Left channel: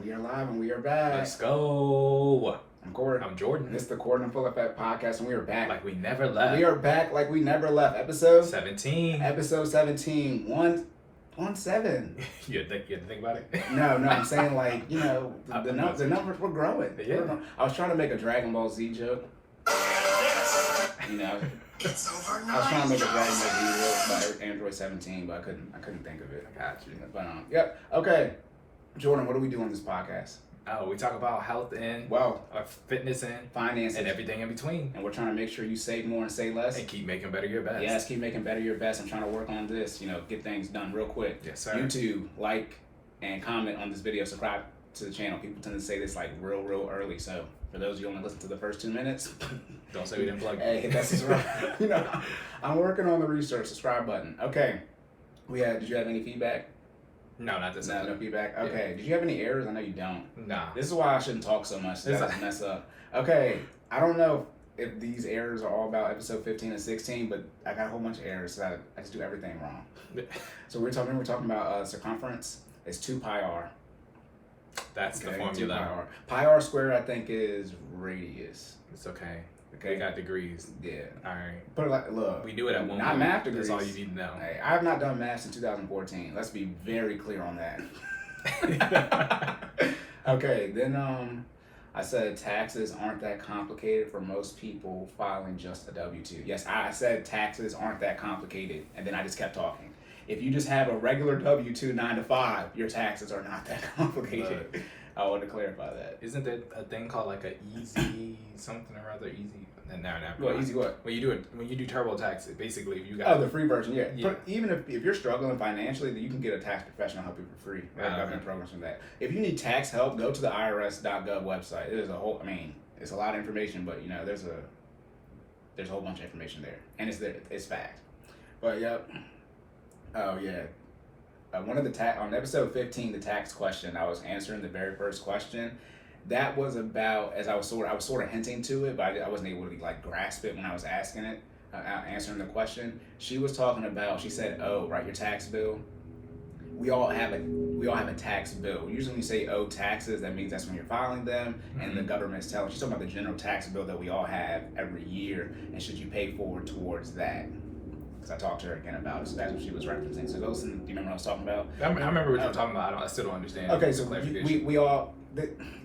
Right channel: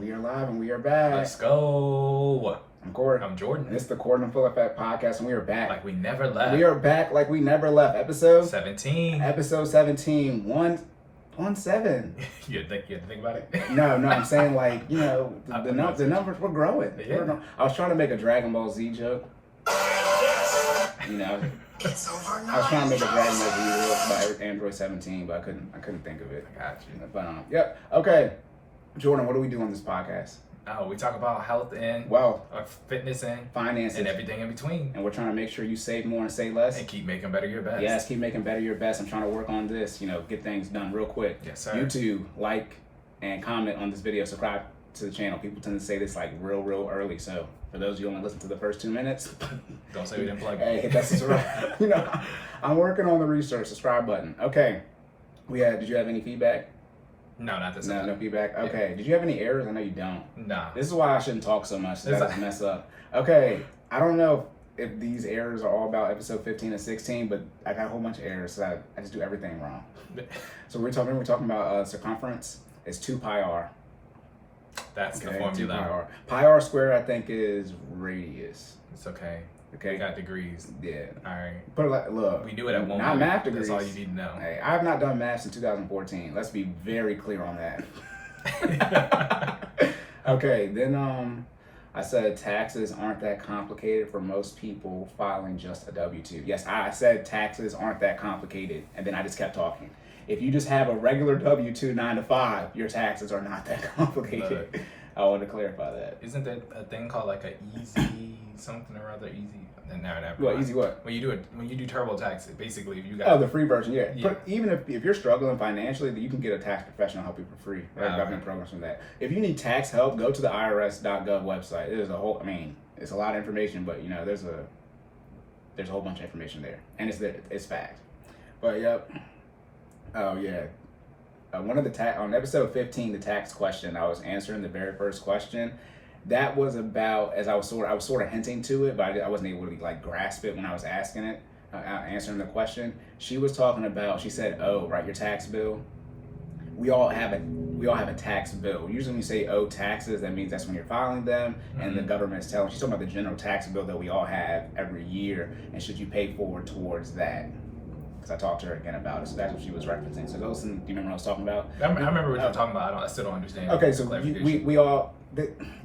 We are live and we are back. Let's go. I'm Cory. I'm Jordan. And it's the Cordan FinallyFit podcast, and we are back. Like we never left. We are back like we never left. Episode 17. Episode 17. 1-7. You had to think about it? No, I'm saying like, you know, the numbers were growing. Yeah. I was trying to make a Dragon Ball Z joke. You know, I was trying to make a Dragon Ball Z joke about Android 17, but I couldn't think of it. I got you. But yep. Okay. Jordan, what do we do on this podcast? Oh, we talk about health and fitness and finances and everything in between. And we're trying to make sure you save more and save less. And keep making better your best. Yes, keep making better your best. I'm trying to work on this, get things done real quick. Yes, sir. YouTube, like, and comment on this video. Subscribe to the channel. People tend to say this like real early. So for those of you who only listen to the first 2 minutes, don't say we didn't plug it. Hey, that's just right. I'm working on the research. Subscribe button. Okay. Did you have any feedback? No, not this No feedback? Yeah. Okay. Did you have any errors? I know you don't. Nah. This is why I shouldn't talk so much. That's mess up. Okay. I don't know if these errors are all about episode 15 and 16, but I got a whole bunch of errors, so I just do everything wrong. So we're talking about circumference. It's 2 pi r. That's the formula. Pi r squared, I think, is radius. It's okay. Okay. We got degrees. Yeah. All right. But look. We knew it at one not point. Math degrees. That's all you need to know. Hey, I have not done math since 2014. Let's be very clear on that. Okay, then I said taxes aren't that complicated for most people filing just a W-2. Yes, I said taxes aren't that complicated, and then I just kept talking. If you just have a regular W-2 9 to 5, your taxes are not that complicated. Look. I want to clarify that. Isn't there a thing called like a easy something or other easy? Never. Well, easy what? When you do TurboTax, basically if you got the free version, yeah. But even if you're struggling financially, you can get a tax professional help you for free. Government programs from that. If you need tax help, go to the IRS.gov website. It is it's a lot of information, but there's a whole bunch of information there, and it's fact. But yep. Oh yeah. One of on episode 15, the tax question, I was answering the very first question. That was about, as I was sort of hinting to it, but I wasn't able to grasp it when I was asking it, answering the question. She was talking about. She said, "Oh, right, your tax bill. We all have a tax bill. Usually, when you say owe taxes, that means that's when you're filing them, and the government's telling." She's talking about the general tax bill that we all have every year, and should you pay forward towards that? Because I talked to her again about it, so that's what she was referencing. So do you remember what I was talking about? I remember what you were talking about. I still don't understand. Okay, so we all,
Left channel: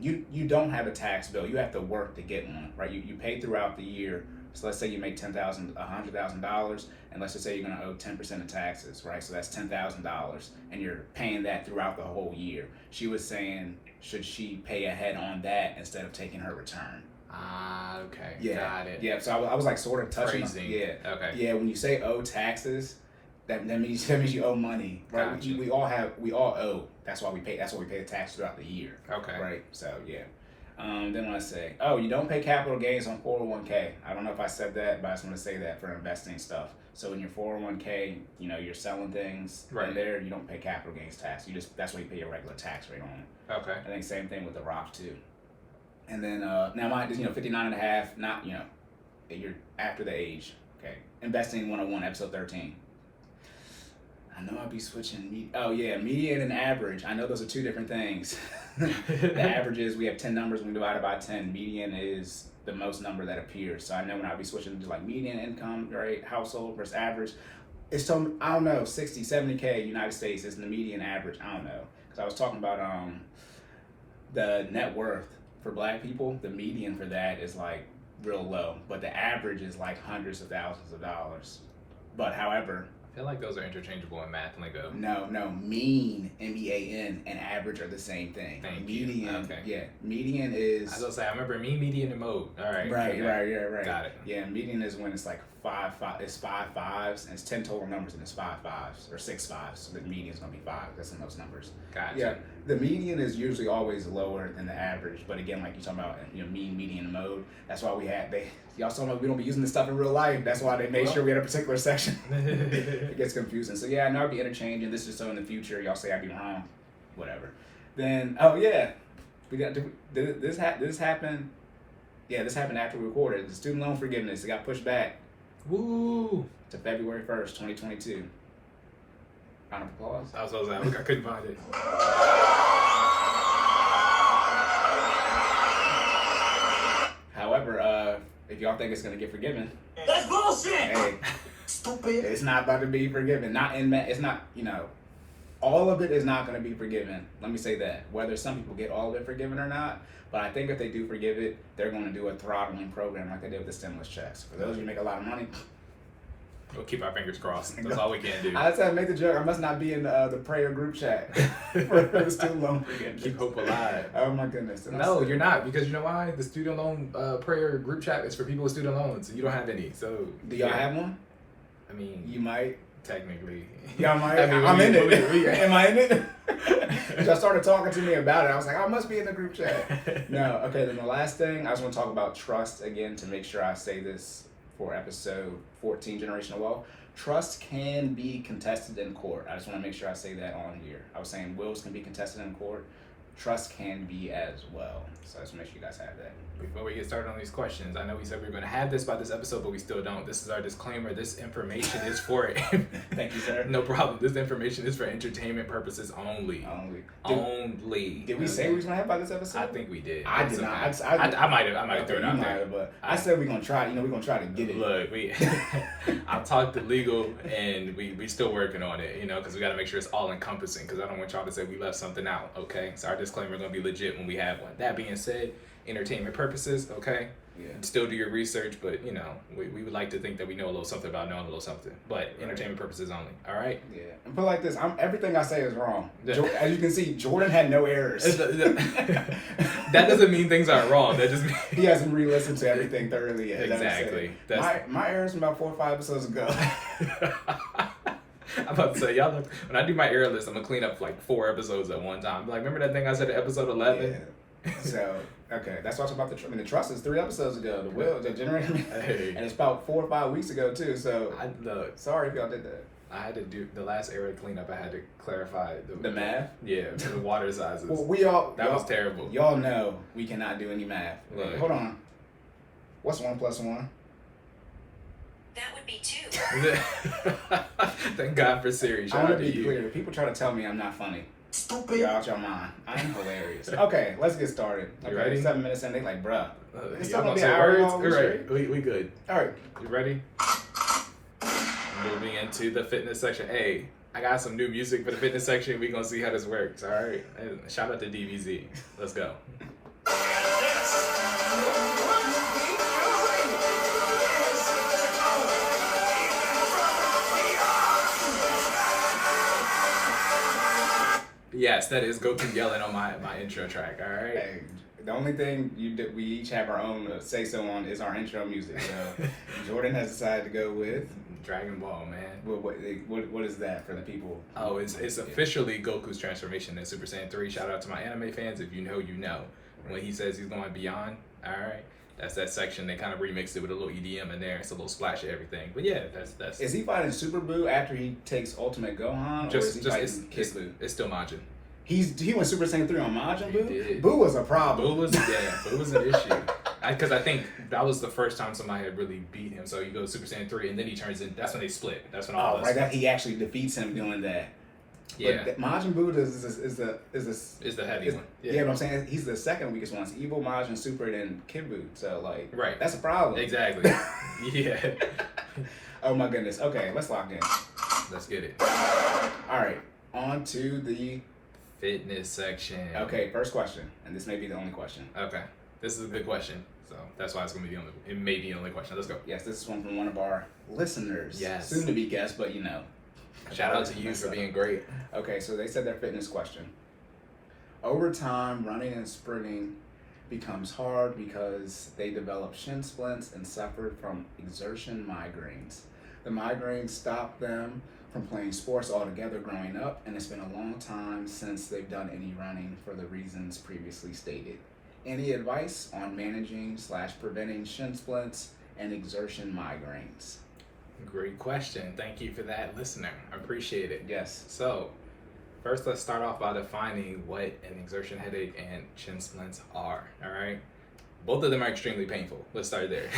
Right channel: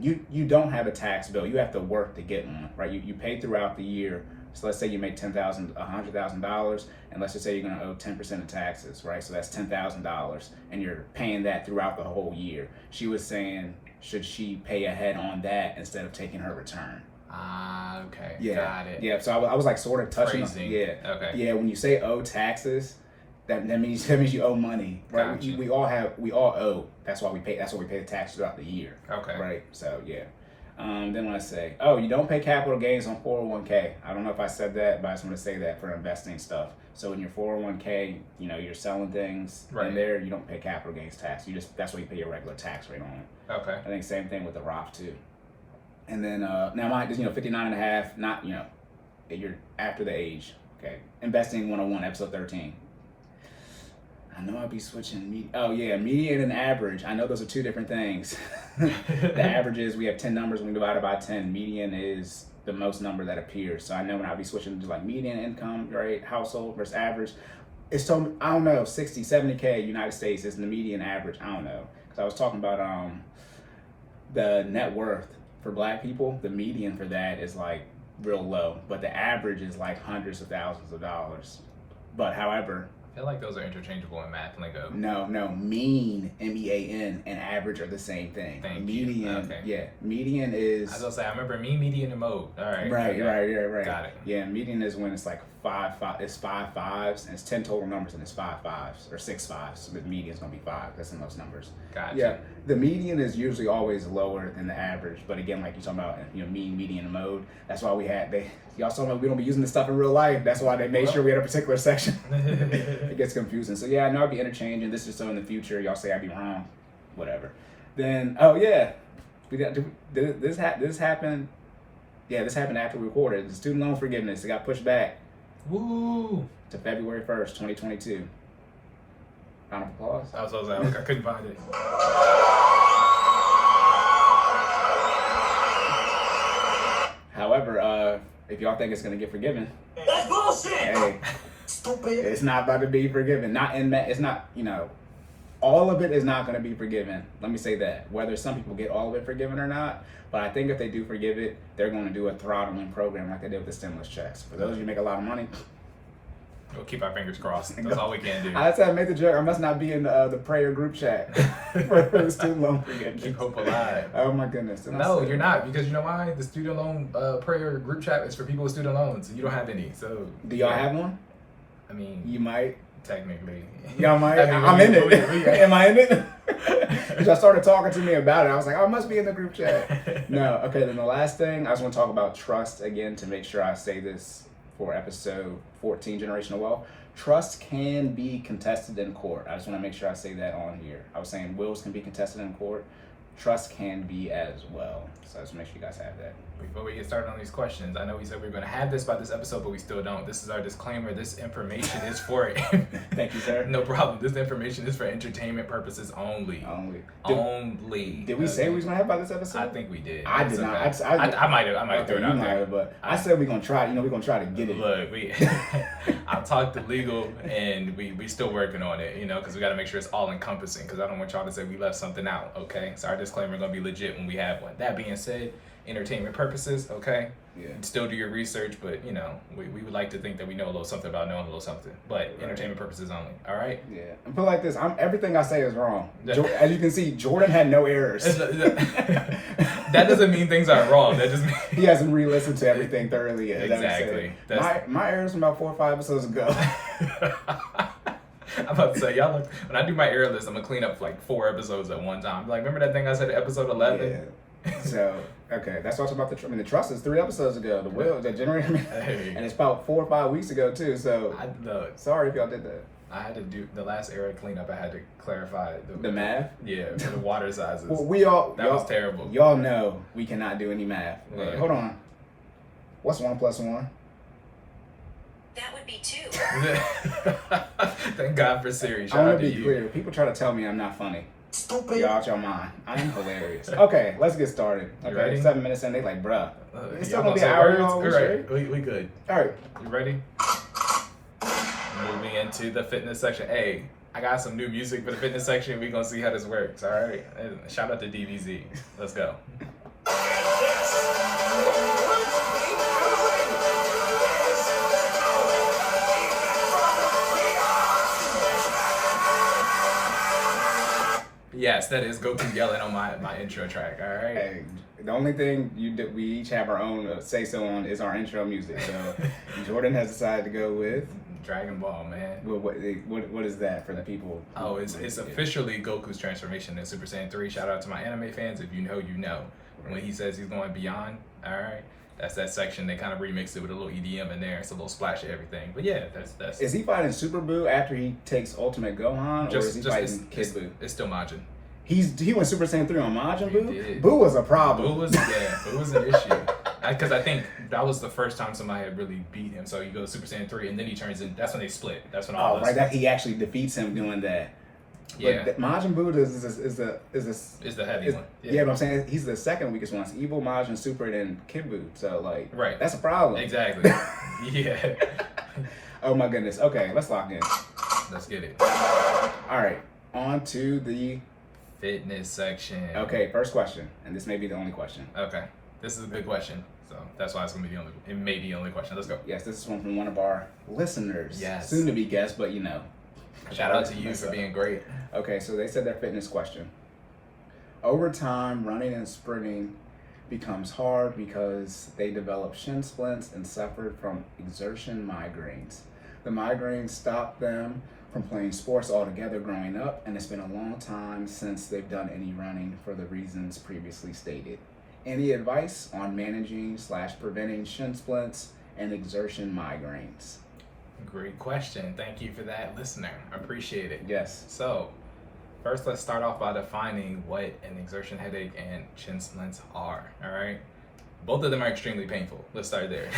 you don't have a tax bill. You have to work to get one, right? You pay throughout the year. So let's say you make $100,000, and let's just say you're going to owe 10% of taxes, right? So that's $10,000, and you're paying that throughout the whole year. She was saying, should she pay ahead on that instead of taking her return? Ah, okay. Yeah. Got it. Yeah, so I was sort of touching on, yeah. Okay. Yeah, when you say owe taxes, that means you owe money. Right? Gotcha. We all owe. That's why we pay the tax throughout the year. Okay. Right. So yeah. Then let's say, you don't pay capital gains on 401k. I don't know if I said that, but I just want to say that for investing stuff. So in your 401k, you're selling things in there, you don't pay capital gains tax. That's why you pay your regular tax rate on it. Okay. I think same thing with the Roth too. And then now mine is 59 and a half, not you're after the age. Okay. Investing 101, episode 13. I know I'll be switching median and average. I know those are two different things. The average is we have 10 numbers and we divide it by 10. Median is the most number that appears. So I know when I'll be switching to median income, right, household versus average, it's told me, I don't know, 60, 70K United States is the median average. I don't know. Because I was talking about the net worth for black people. The median for that is real low, but the average is hundreds of thousands of dollars. But however, I feel like those are interchangeable in math lingo. No, mean, MEAN, and average are the same thing. Median, okay. Yeah, median is. I was gonna say, I remember median and mode. All right. Right. Got it. Yeah, median is when it's it's 5 5s, and it's 10 total numbers, and it's 5 5s or 6 5s. So the median's gonna be 5. That's in those numbers. Gotcha. Yeah, the median is usually always lower than the average, but again, like you're talking about, mean, median, and mode. That's why y'all talking about we don't be using this stuff in real life. That's why they made sure we had a particular section. It gets confusing. So yeah, I know I'll be interchanging. This is so in the future, y'all say I'd be wrong, whatever. Then we got this happened. Yeah, this happened after we recorded. The student loan forgiveness, it got pushed back. Woo! To February 1st, 2022. Round of applause. I couldn't find it. However, if y'all think it's gonna get forgiven, That's bullshit. hey, Stupid. it's not about to be forgiven. Not in that. It's not. All of it is not gonna be forgiven. Let me say that. Whether some people get all of it forgiven or not, but I think if they do forgive it, they're gonna do a throttling program like they did with the stimulus checks. For those of you who make a lot of money. We'll keep our fingers crossed. That's all we can do. I said I made the joke. I must not be in the prayer group chat for student loan forgiveness. Keep hope alive. Oh my goodness. And I No, said- you're not, because you know why? The student loan prayer group chat is for people with student loans. You don't have any, so. Do y'all have one? I mean, You might. technically. Y'all might. I mean, I'm in it. we- Am I in it? Y'all started talking to me about it. I was like, I must be in the group chat. No. Okay. Then the last thing I just want to talk about trust again to make sure I say this for episode 14, Generational Wealth. Trust can be contested in court. I just want to make sure I say that on here. I was saying wills can be contested in court. Trust can be as well. So I just make sure you guys have that. Before we get started on these questions, I know we said we were going to have this by this episode, but we still don't. This is our disclaimer. This information is for Thank you, sir. No problem. This information is for entertainment purposes only. Only. Did we say we was gonna have by this episode? I think we did. I It's did not. okay. I might have thrown it out there. But I said we're gonna try. We're gonna try to get it. Look, I talked to legal, and we still working on it. Because we got to make sure it's all encompassing. Because I don't want y'all to say we left something out. Okay, so our disclaimer is gonna be legit when we have one. That being said, entertainment purposes. Okay. Yeah. Still do your research, but we would like to think that we know a little something about knowing a little something. But entertainment purposes only. All right. Yeah. And put it like this: everything I say is wrong. As you can see, Jordan had no errors. That doesn't mean things aren't wrong. That just means he hasn't re-listened to everything thoroughly yet. Exactly. My errors from about 4 or 5 episodes ago. I'm about to say, y'all look, when I do my error list, I'm gonna clean up like 4 episodes at one time. Like, remember that thing I said at episode 11? Yeah. So, okay, that's what's about the trust is 3 episodes ago. The will, the generator, Hey. and it's about 4 or 5 weeks ago too. So, sorry if y'all did that. I had to do the last error cleanup. I had to clarify The math. Yeah, for the water sizes. Well, that was terrible. Y'all know we cannot do any math. Look. Hold on. What's 1 plus 1? That would be 2. Thank God for Siri. Shout I'm out gonna to be you. clear. People try to tell me I'm not funny. Stupid. You're out your mind. I am hilarious. Okay, let's get started. Okay, You ready? 7 minutes in, they like, bruh. It's still Y'all gonna gonna be say an hour words? long, All right, we good. All right. You ready? Moving into the fitness section. Hey, I got some new music for the fitness section. We're gonna see how this works. All right. Shout out to DBZ. Let's go. Yes, that is Goku yelling on my intro track. All right. Hey, the only thing we each have our own say so on is our intro music. So Jordan has decided to go with Dragon Ball, man. what is that for the people? Oh, it's officially Goku's transformation in Super Saiyan 3. Shout out to my anime fans. If you know, you know. When he says he's going beyond, all right, that's that section. They kind of remixed it with a little EDM in there. It's a little splash of everything. But yeah, that's. Is he fighting Super Buu after he takes Ultimate Gohan, or is he fighting Kid Buu? It's still Majin. He went Super Saiyan 3 on Majin He Buu? did. Buu was a problem. Buu was an issue. Because I think that was the first time somebody had really beat him. So you go to Super Saiyan 3, and then he turns in. That's when they split. That's when all Oh, right, that he actually defeats him doing that. Yeah. But Majin Buu is the heavy one. Yeah, but I'm saying he's the second weakest one. It's Evil, Majin, Super, then Kid Buu. So like, Right. that's a problem. Exactly. Yeah. Oh my goodness. Okay, let's lock in. Let's get it. All right, on to the Fitness section. okay first question, and this may be the only question. Okay. This is a good question. So that's why it's gonna be it may be the only question. Let's go. Yes, this is one from one of our listeners. Yes. Soon to be guest, but Shout out to you for being great. Okay, so they said their fitness question. Over time, running and sprinting becomes hard because they develop shin splints and suffer from exertion migraines. The migraines stop them from playing sports altogether growing up, and it's been a long time since they've done any running for the reasons previously stated. Any advice on managing/preventing shin splints and exertion migraines? Great question. Thank you for that, listener. I appreciate it. Yes. So, first, let's start off by defining what an exertion headache and shin splints are. All right. Both of them are extremely painful. Let's start there.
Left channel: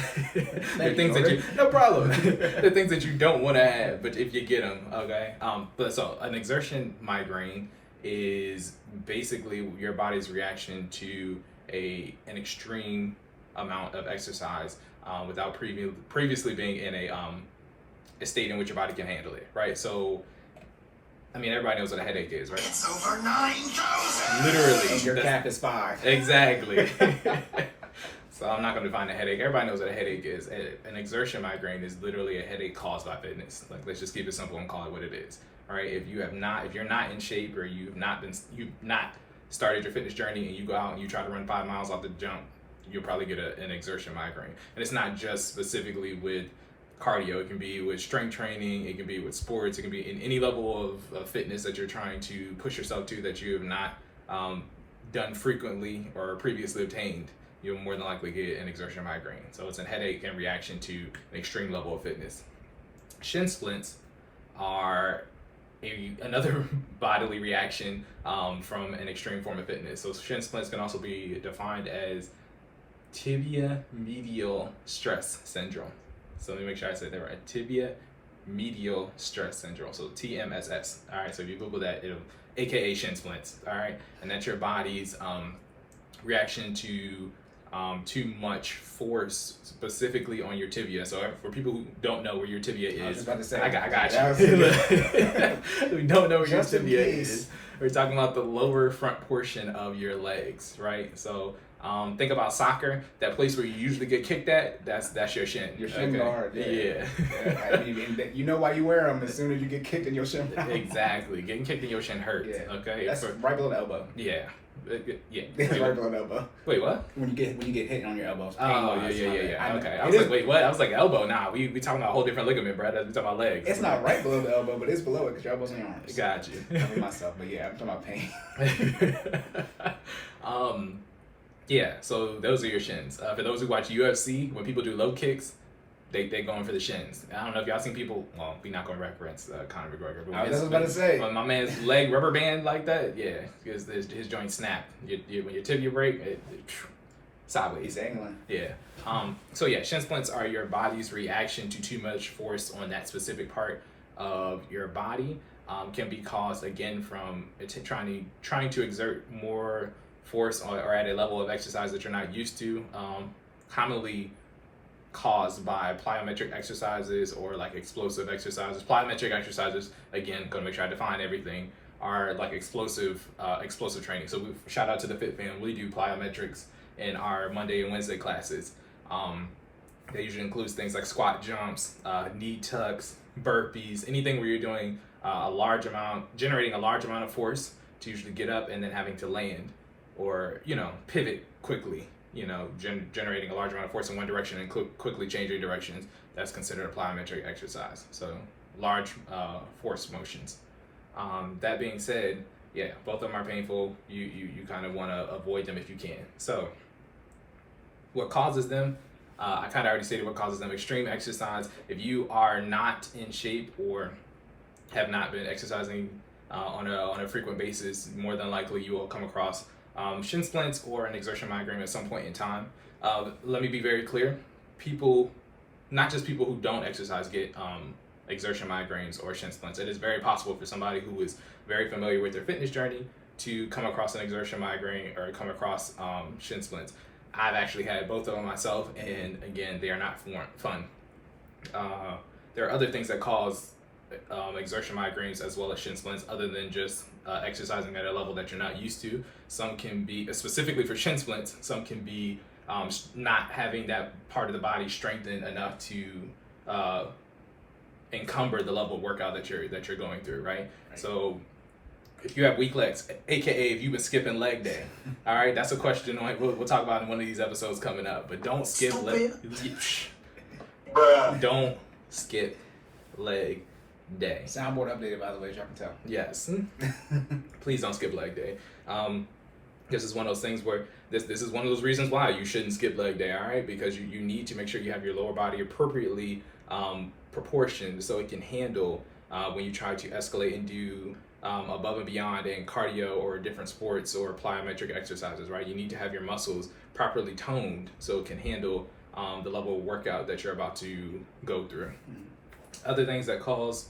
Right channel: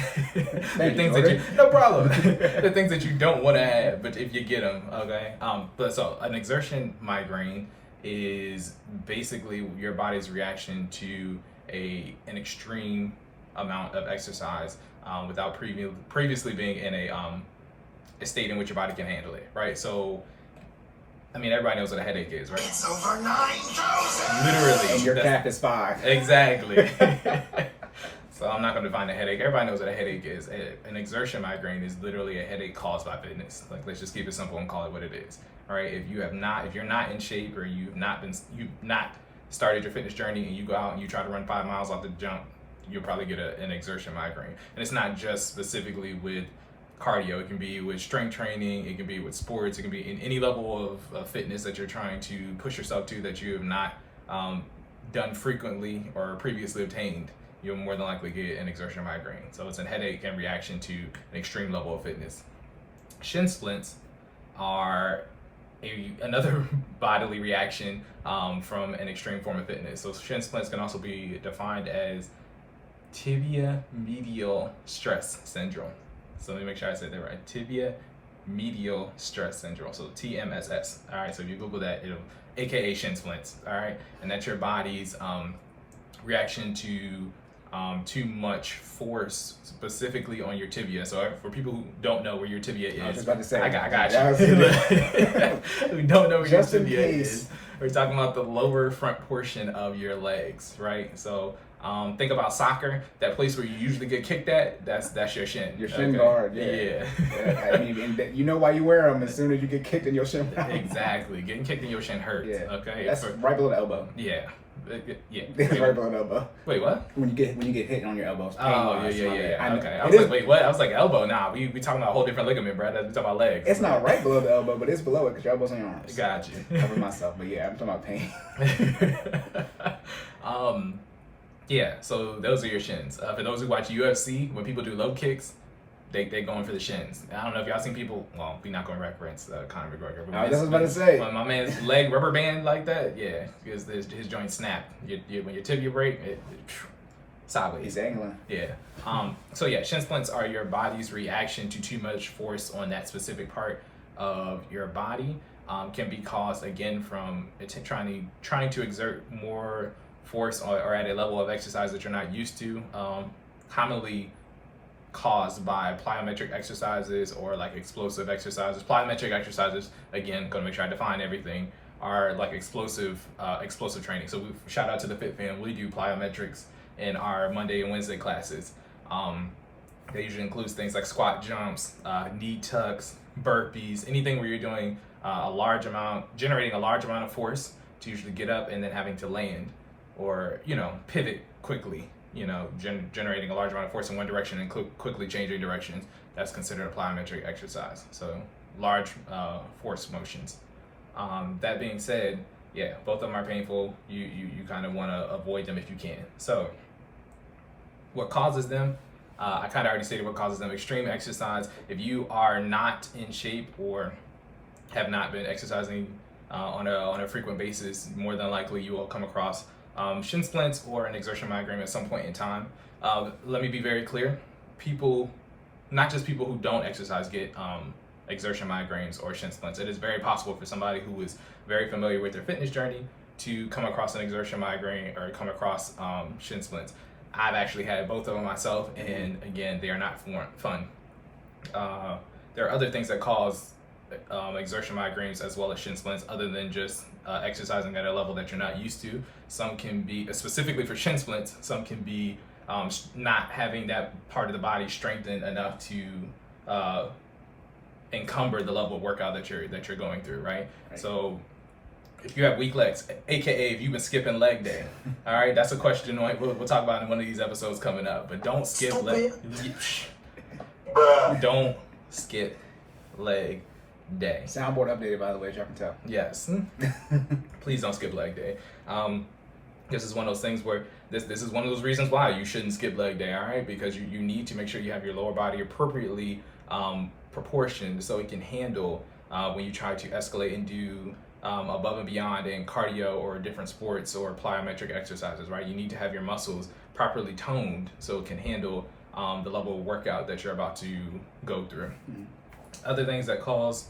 They're things that you no problem. They're things that you don't want to have, but if you get them, okay. But so an exertion migraine is basically your body's reaction to an extreme amount of exercise without previously being in a state in which your body can handle it, right? So, I mean, everybody knows what a headache is, right? It's over 9,000. Literally. And your cap is 5. Exactly. So I'm not going to define a headache. Everybody knows what a headache is. An exertion migraine is literally a headache caused by fitness. Like, let's just keep it simple and call it what it is. All right. If you're not in shape, or you've not started your fitness journey, and you go out and you try to run 5 miles off the jump, you'll probably get an exertion migraine. And it's not just specifically with cardio. It can be with strength training. It can be with sports. It can be in any level of fitness that you're trying to push yourself to that you have not done frequently or previously obtained. You'll more than likely get an exertion migraine. So it's a headache in reaction to an extreme level of fitness. Shin splints are another bodily reaction from an extreme form of fitness. So shin splints can also be defined as tibia medial stress syndrome. So let me make sure I said that right. Tibia medial stress syndrome. So TMSS. All right. So if you Google that, it'll AKA shin splints. All right. And that's your body's reaction to too much force, specifically on your tibia. So for people who don't know where your tibia is, I was about to say, I got you. We don't know where your Just in tibia case. is. We're talking about the lower front portion of your legs, right? So think about soccer. That place where you usually get kicked at, that's your shin. Your shin guard. Yeah. I mean, and you know why you wear them as soon as you get kicked in your shin. Exactly. Getting kicked in your shin hurts. Yeah. Okay. That's right below the elbow. Yeah. Yeah. It's Wait, right below the elbow. wait, what? When you get hit on your elbows. Oh, yeah. Okay. I was like, wait, what? I was like, elbow. Nah, we talking about a whole different ligament, bro. We talking about legs. It's not right below the elbow, but it's below it because your elbow's on your arms. Got you. Cover myself, but yeah, I'm talking about pain. Yeah, so those are your shins. For those who watch UFC, when people do low kicks, they going for the shins. I don't know if y'all seen people. Well, we not going to reference Conor McGregor. But I was about to say. When my man's leg rubber band like that, yeah, his joint snap. When your tibia break, it sideways. He's angling. Yeah. So yeah, shin splints are your body's reaction to too much force on that specific part of your body. Can be caused again from trying to exert more force or at a level of exercise that you're not used to. Commonly caused by plyometric exercises or like explosive exercises. Plyometric exercises, again, gonna make sure I define everything, are like explosive training. So we shout out to the Fit Fam. We do plyometrics in our Monday and Wednesday classes. That usually includes things like squat jumps, knee tucks, burpees, anything where you're doing generating a large amount of force to usually get up and then having to land or, pivot quickly, generating a large amount of force in one direction and quickly changing directions. That's considered a plyometric exercise. So large force motions. That being said, yeah, both of them are painful. You kind of want to avoid them if you can. So what causes them? I kind of already stated what causes them. Extreme exercise. If you are not in shape or have not been exercising on a frequent basis, more than likely you will come across shin splints or an exertion migraine at some point in time. Let me be very clear. Not just people who don't exercise get exertion migraines or shin splints. It is very possible for somebody who is very familiar with their fitness journey to come across an exertion migraine or come across shin splints. I've actually had both of them myself, and again, they are not fun. There are other things that cause exertion migraines as well as shin splints other than just exercising at a level that you're not used to. Some can be, specifically for shin splints, some can be not having that part of the body strengthened enough to encumber the level of workout that you're going through, right? So if you have weak legs, aka if you've been skipping leg day, all right, that's a question we'll talk about in one of these episodes coming up. But don't skip leg. Don't skip leg day. Soundboard updated, by the way, as y'all can tell. Yes. Please don't skip leg day. This is one of those things where this is one of those reasons why you shouldn't skip leg day, all right? Because you need to make sure you have your lower body appropriately proportioned so it can handle when you try to escalate and do above and beyond in cardio or different sports or plyometric exercises, right? You need to have your muscles properly toned so it can handle the level of workout that you're about to go through. Other things that cause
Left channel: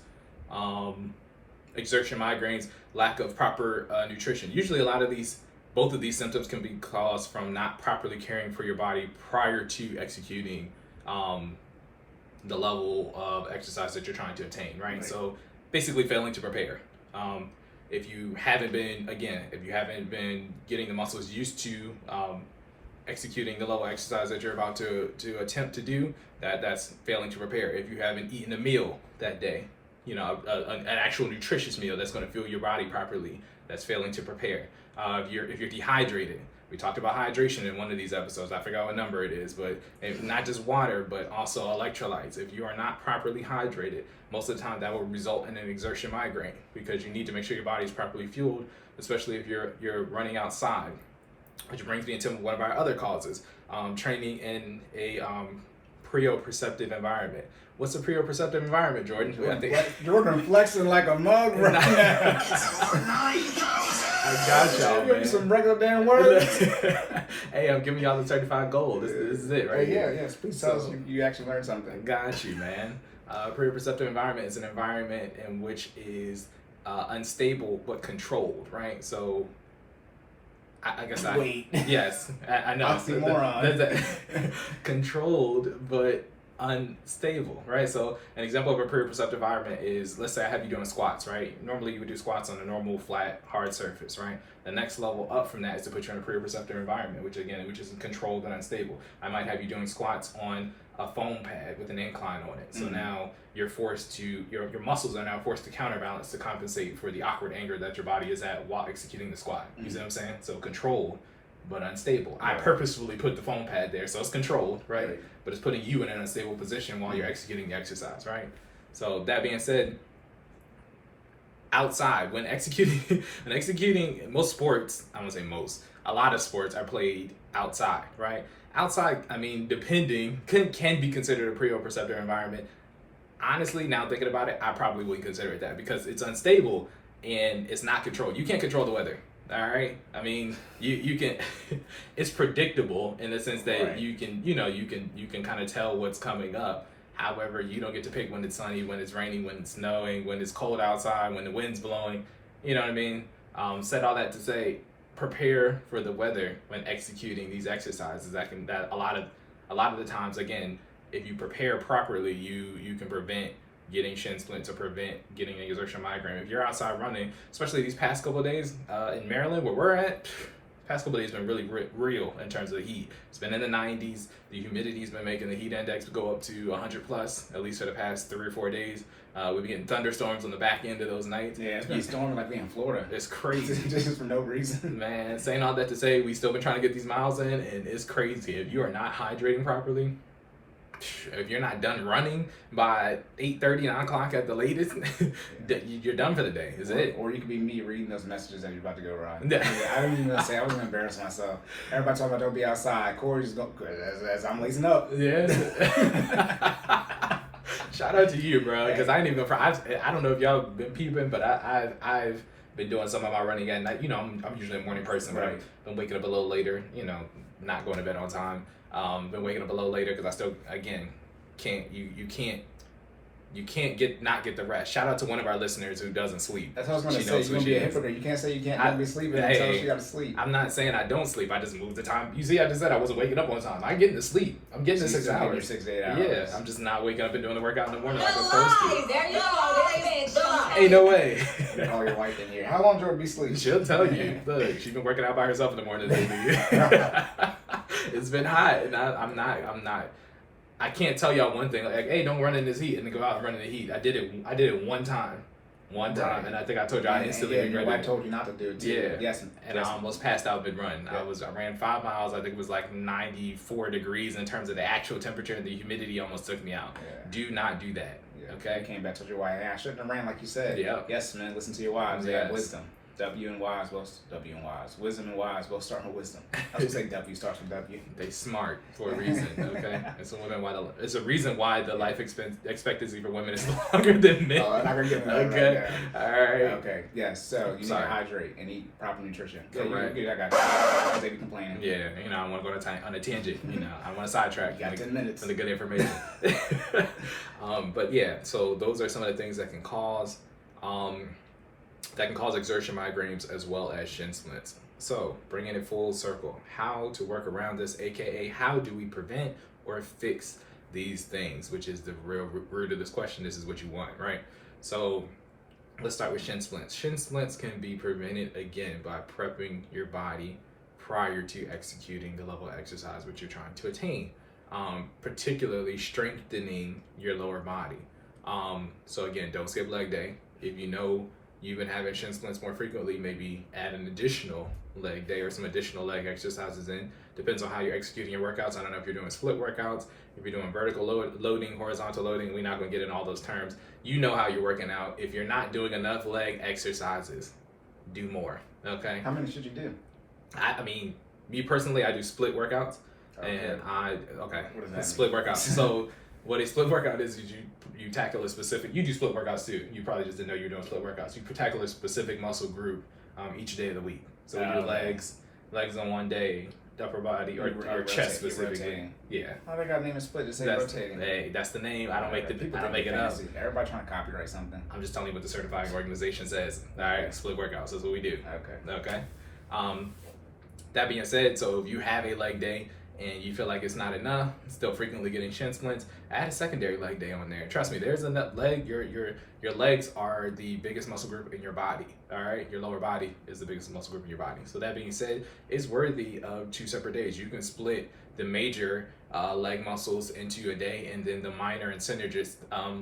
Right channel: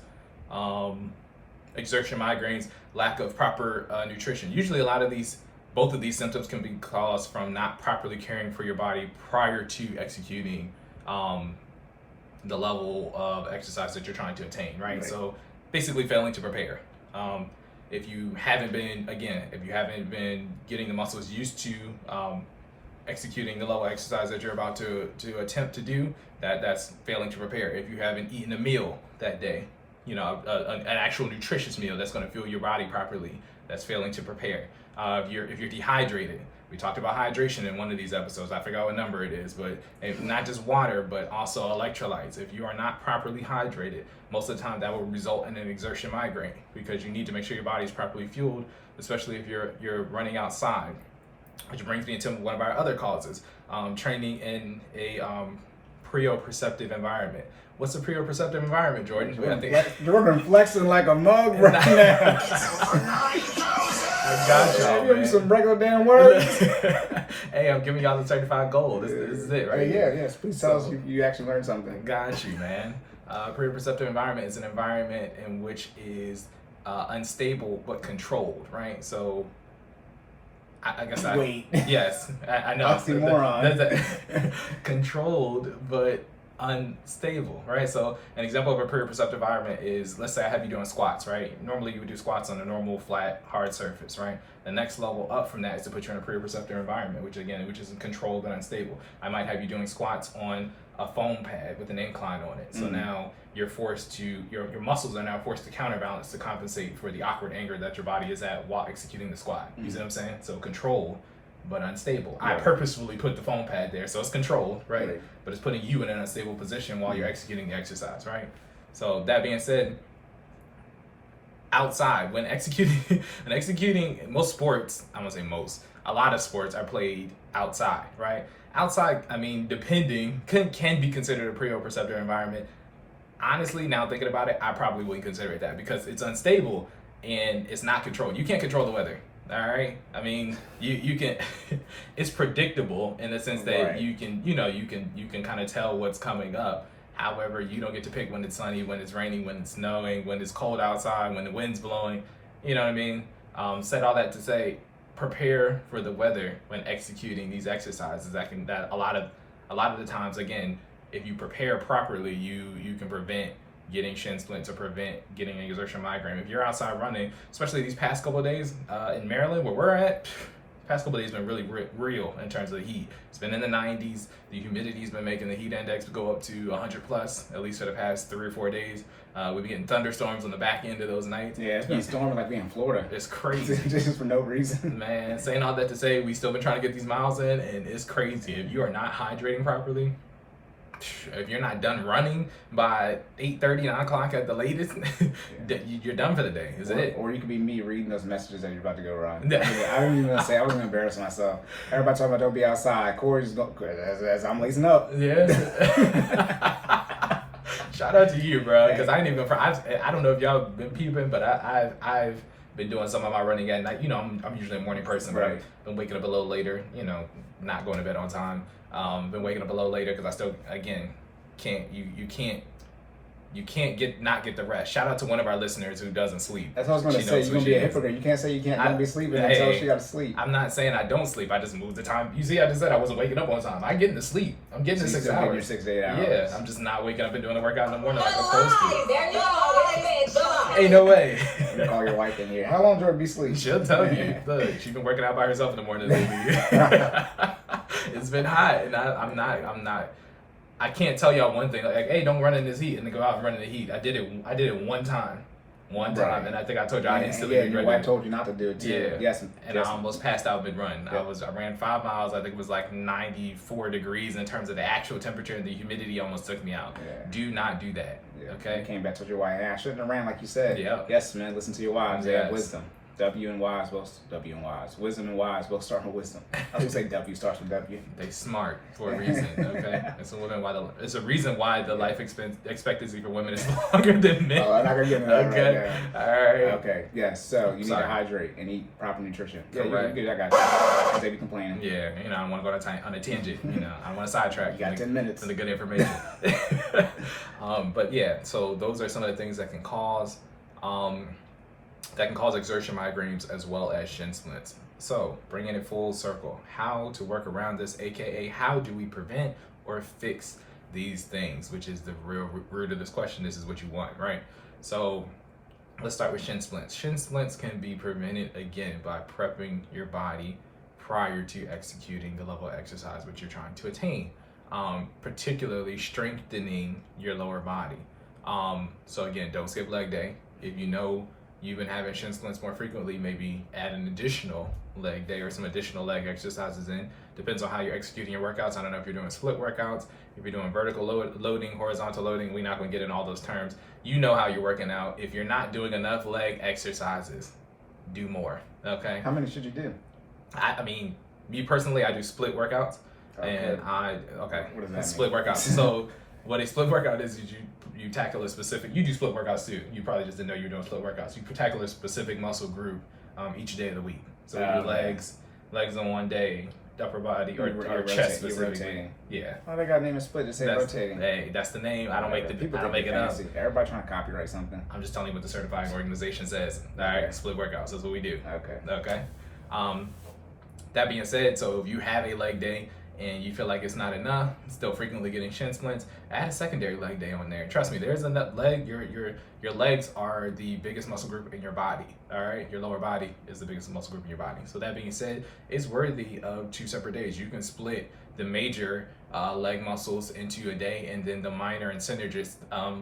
exertion migraines, lack of proper nutrition. Usually a lot of these both of these symptoms can be caused from not properly caring for your body prior to executing the level of exercise that you're trying to attain, right? So basically failing to prepare. If you haven't been getting the muscles used to executing the level of exercise that you're about to attempt to do, that's failing to prepare. If you haven't eaten a meal that day, an actual nutritious meal that's going to fuel your body properly, that's failing to prepare. If you're dehydrated, we talked about hydration in one of these episodes. I forgot what number it is, but not just water, but also electrolytes. If you are not properly hydrated, most of the time that will result in an exertion migraine, because you need to make sure your body's properly fueled, especially if you're running outside. Which brings me into one of our other causes, training in a proprioceptive environment. What's a proprioceptive environment, Jordan? Jordan flexing like a mug right now. I got y'all, man. Some regular damn words. Hey, I'm giving y'all the certified gold. This is it, right? Yes. Please tell us you actually learned something. Got you, man. Proprioceptive environment is an environment in which is unstable but controlled, right? So, I guess yes, I know. Oxymoron. Controlled but unstable, right? So an example of a proprioceptive environment is, let's say I have you doing squats, right? Normally you would do squats on a normal flat hard surface, right? The next level up from that is to put you in a proprioceptive environment, which is controlled and unstable. I might have you doing squats on a foam pad with an incline on it. So now you're forced to, your muscles are now forced to counterbalance to compensate for the awkward angle that your body is at while executing the squat. You see what I'm saying? So controlled but unstable. I purposefully put the foam pad there, so it's controlled, right? But it's putting you in an unstable position while you're executing the exercise, right? So that being said, outside, when executing most sports, I won't say most, a lot of sports are played outside, right? Outside, I mean, depending, can be considered a proprioceptive environment. Honestly, now thinking about it, I probably wouldn't consider it that, because it's unstable and it's not controlled. You can't control the weather. All right. I mean, you can. It's predictable in the sense that you can kind of tell what's coming up. However, you don't get to pick when it's sunny, when it's raining, when it's snowing, when it's cold outside, when the wind's blowing. You know what I mean? Said all that to say, prepare for the weather when executing these exercises. That a lot of the times, again, if you prepare properly, you can prevent getting shin splints or prevent getting an exertion migraine. If you're outside running, especially these past couple of days in Maryland, where we're at, past couple of days been really real in terms of the heat. It's been in the 90s. The humidity's been making the heat index go up to 100 plus, at least for the past 3 or 4 days. We've been getting thunderstorms on the back end of those nights. Yeah, it's been storming like we in Florida. It's crazy. Just for no reason. Man, saying all that to say, we still been trying to get these miles in, and it's crazy. If you are not hydrating properly, if you're not done running by 8:30, 9 o'clock at the latest, you're done for the day. Is it? Or you could be me reading those messages that you're about to go run. I didn't even say, I was going to embarrass myself. Everybody talking about don't be outside. Corey just go, as I'm lacing up. Yeah. Shout out to you, bro, because I ain't even gonna. I don't know if y'all been peeping, but I've been doing some of my running at night. I'm usually a morning person, but I've been waking up a little later. Not going to bed on time. Been waking up a little later because I still, again, you can't not get the rest. Shout out to one of our listeners who doesn't sleep. That's what I was going to say. You're going to be a hypocrite. You can't say you don't be sleeping until she got to sleep. I'm not saying I don't sleep. I just moved the time. You see, I just said I wasn't waking up on time. I'm getting to sleep. I'm getting to 6 hours. 6 to 8 hours. Yeah, I'm just not waking up and doing the workout in the morning like I'm supposed to. There you go. Ain't no way. Call your wife in here. How long Jordan be sleeping? She'll tell you. Look, she's been working out by herself in the morning lately. It's been hot, and I'm not. I can't tell y'all one thing like, hey, don't run in this heat, and then go out and run in the heat. I did it one time, and I think I told you I instantly regretted it. I told you not to do it too. Yeah, yes, and I almost passed out mid-run. I ran 5 miles. I think it was like 94 degrees in terms of the actual temperature, and the humidity almost took me out. Yeah. Do not do that. Yeah. Okay. You came back to your wife. Hey, I shouldn't have ran like you said. Yeah. Yes, man. Listen to your wives. Yes. Yeah. Wisdom. W and Y's, wisdom and Y's both start with wisdom. I should say W starts with W. They smart for a reason, okay? It's a reason why the life expectancy for women is longer than men. Oh, I'm not gonna get okay, all right. Okay, yes. So you need to hydrate and eat proper nutrition. Correct. I got you. They be complaining. Yeah, I want to go on a tangent. I don't want to sidetrack. You got 10 minutes for the good information. But yeah, so those are some of the things that can cause that can cause exertion migraines as well as shin splints. So bringing it full circle, how to work around this, aka how do we prevent or fix these things, which is the real root of this question. This is what you want, right? So let's start with shin splints. Shin splints can be prevented again by prepping your body prior to executing the level of exercise which you're trying to attain, particularly strengthening your lower body. So again, don't skip leg day. If you know you've been having shin splints more frequently, maybe add an additional leg day or some additional leg exercises in. Depends on how you're executing your workouts. I don't know if you're doing split workouts, if you're doing vertical loading, horizontal loading. We're not going to get in all those terms. You know how you're working out. If you're not doing enough leg exercises, do more. Okay. How many should you do? I mean, me personally, I do split workouts, and What does that split mean? workouts. So what a split workout is you tackle a specific. You do split workouts too. You probably just didn't know you were doing split workouts. You tackle a specific muscle group each day of the week. So we do legs on one day, upper body or chest specifically. Yeah. Oh, they got a name of split. Just say rotating. Hey, that's the name. I don't make it up. Everybody trying to copyright something. I'm just telling you what the certifying organization says. All right, split workouts. That's what we do. Okay. That being said, so if you have a leg day and you feel like it's not enough, still frequently getting shin splints, add a secondary leg day on there. Trust me, there's a leg. Your legs are the biggest muscle group in your body. All right, your lower body is the biggest muscle group in your body. So that being said, it's worthy of 2 separate days. You can split the major leg muscles into a day, and then the minor and synergist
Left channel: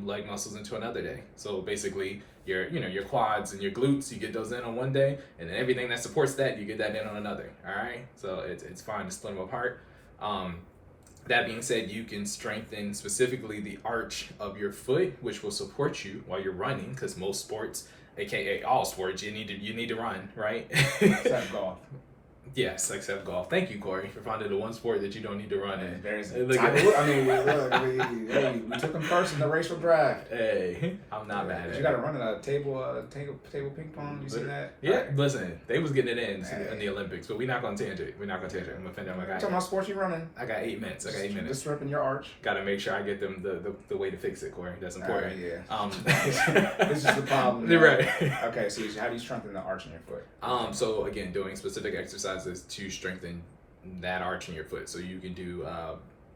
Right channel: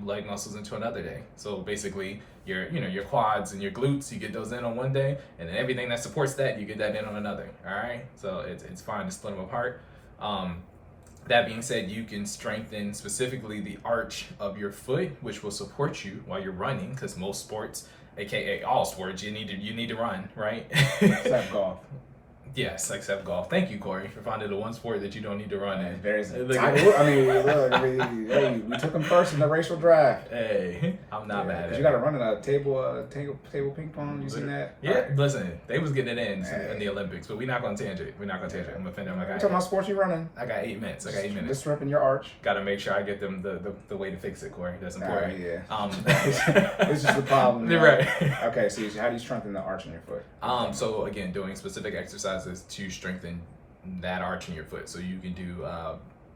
leg muscles into another day. So basically, your quads and your glutes, you get those in on one day, and then everything that supports that, you get that in on another. All right, so it's fine to split them apart. That being said, you can strengthen specifically the arch of your foot, which will support you while you're running, because most sports, aka all sports, you need to run, right? Except golf. Yes, except golf. Thank you, Cory, for finding the one sport that you don't need to run in. Hey, we took him first in the racial draft. Hey, I'm not mad at it. You got to run in a table ping pong. You seen that? Yeah, listen, they was getting it in the Olympics, but we're not going to tangent. I'm offending my guy. Talking about sports you running. I got 8 minutes. Disrupting your arch. Got to make sure I get them the way to fix it, Cory. That's important. This is the problem. Right. Okay, so how do you strengthen the arch in your foot? So again, doing specific exercises to strengthen that arch in your foot. So you can do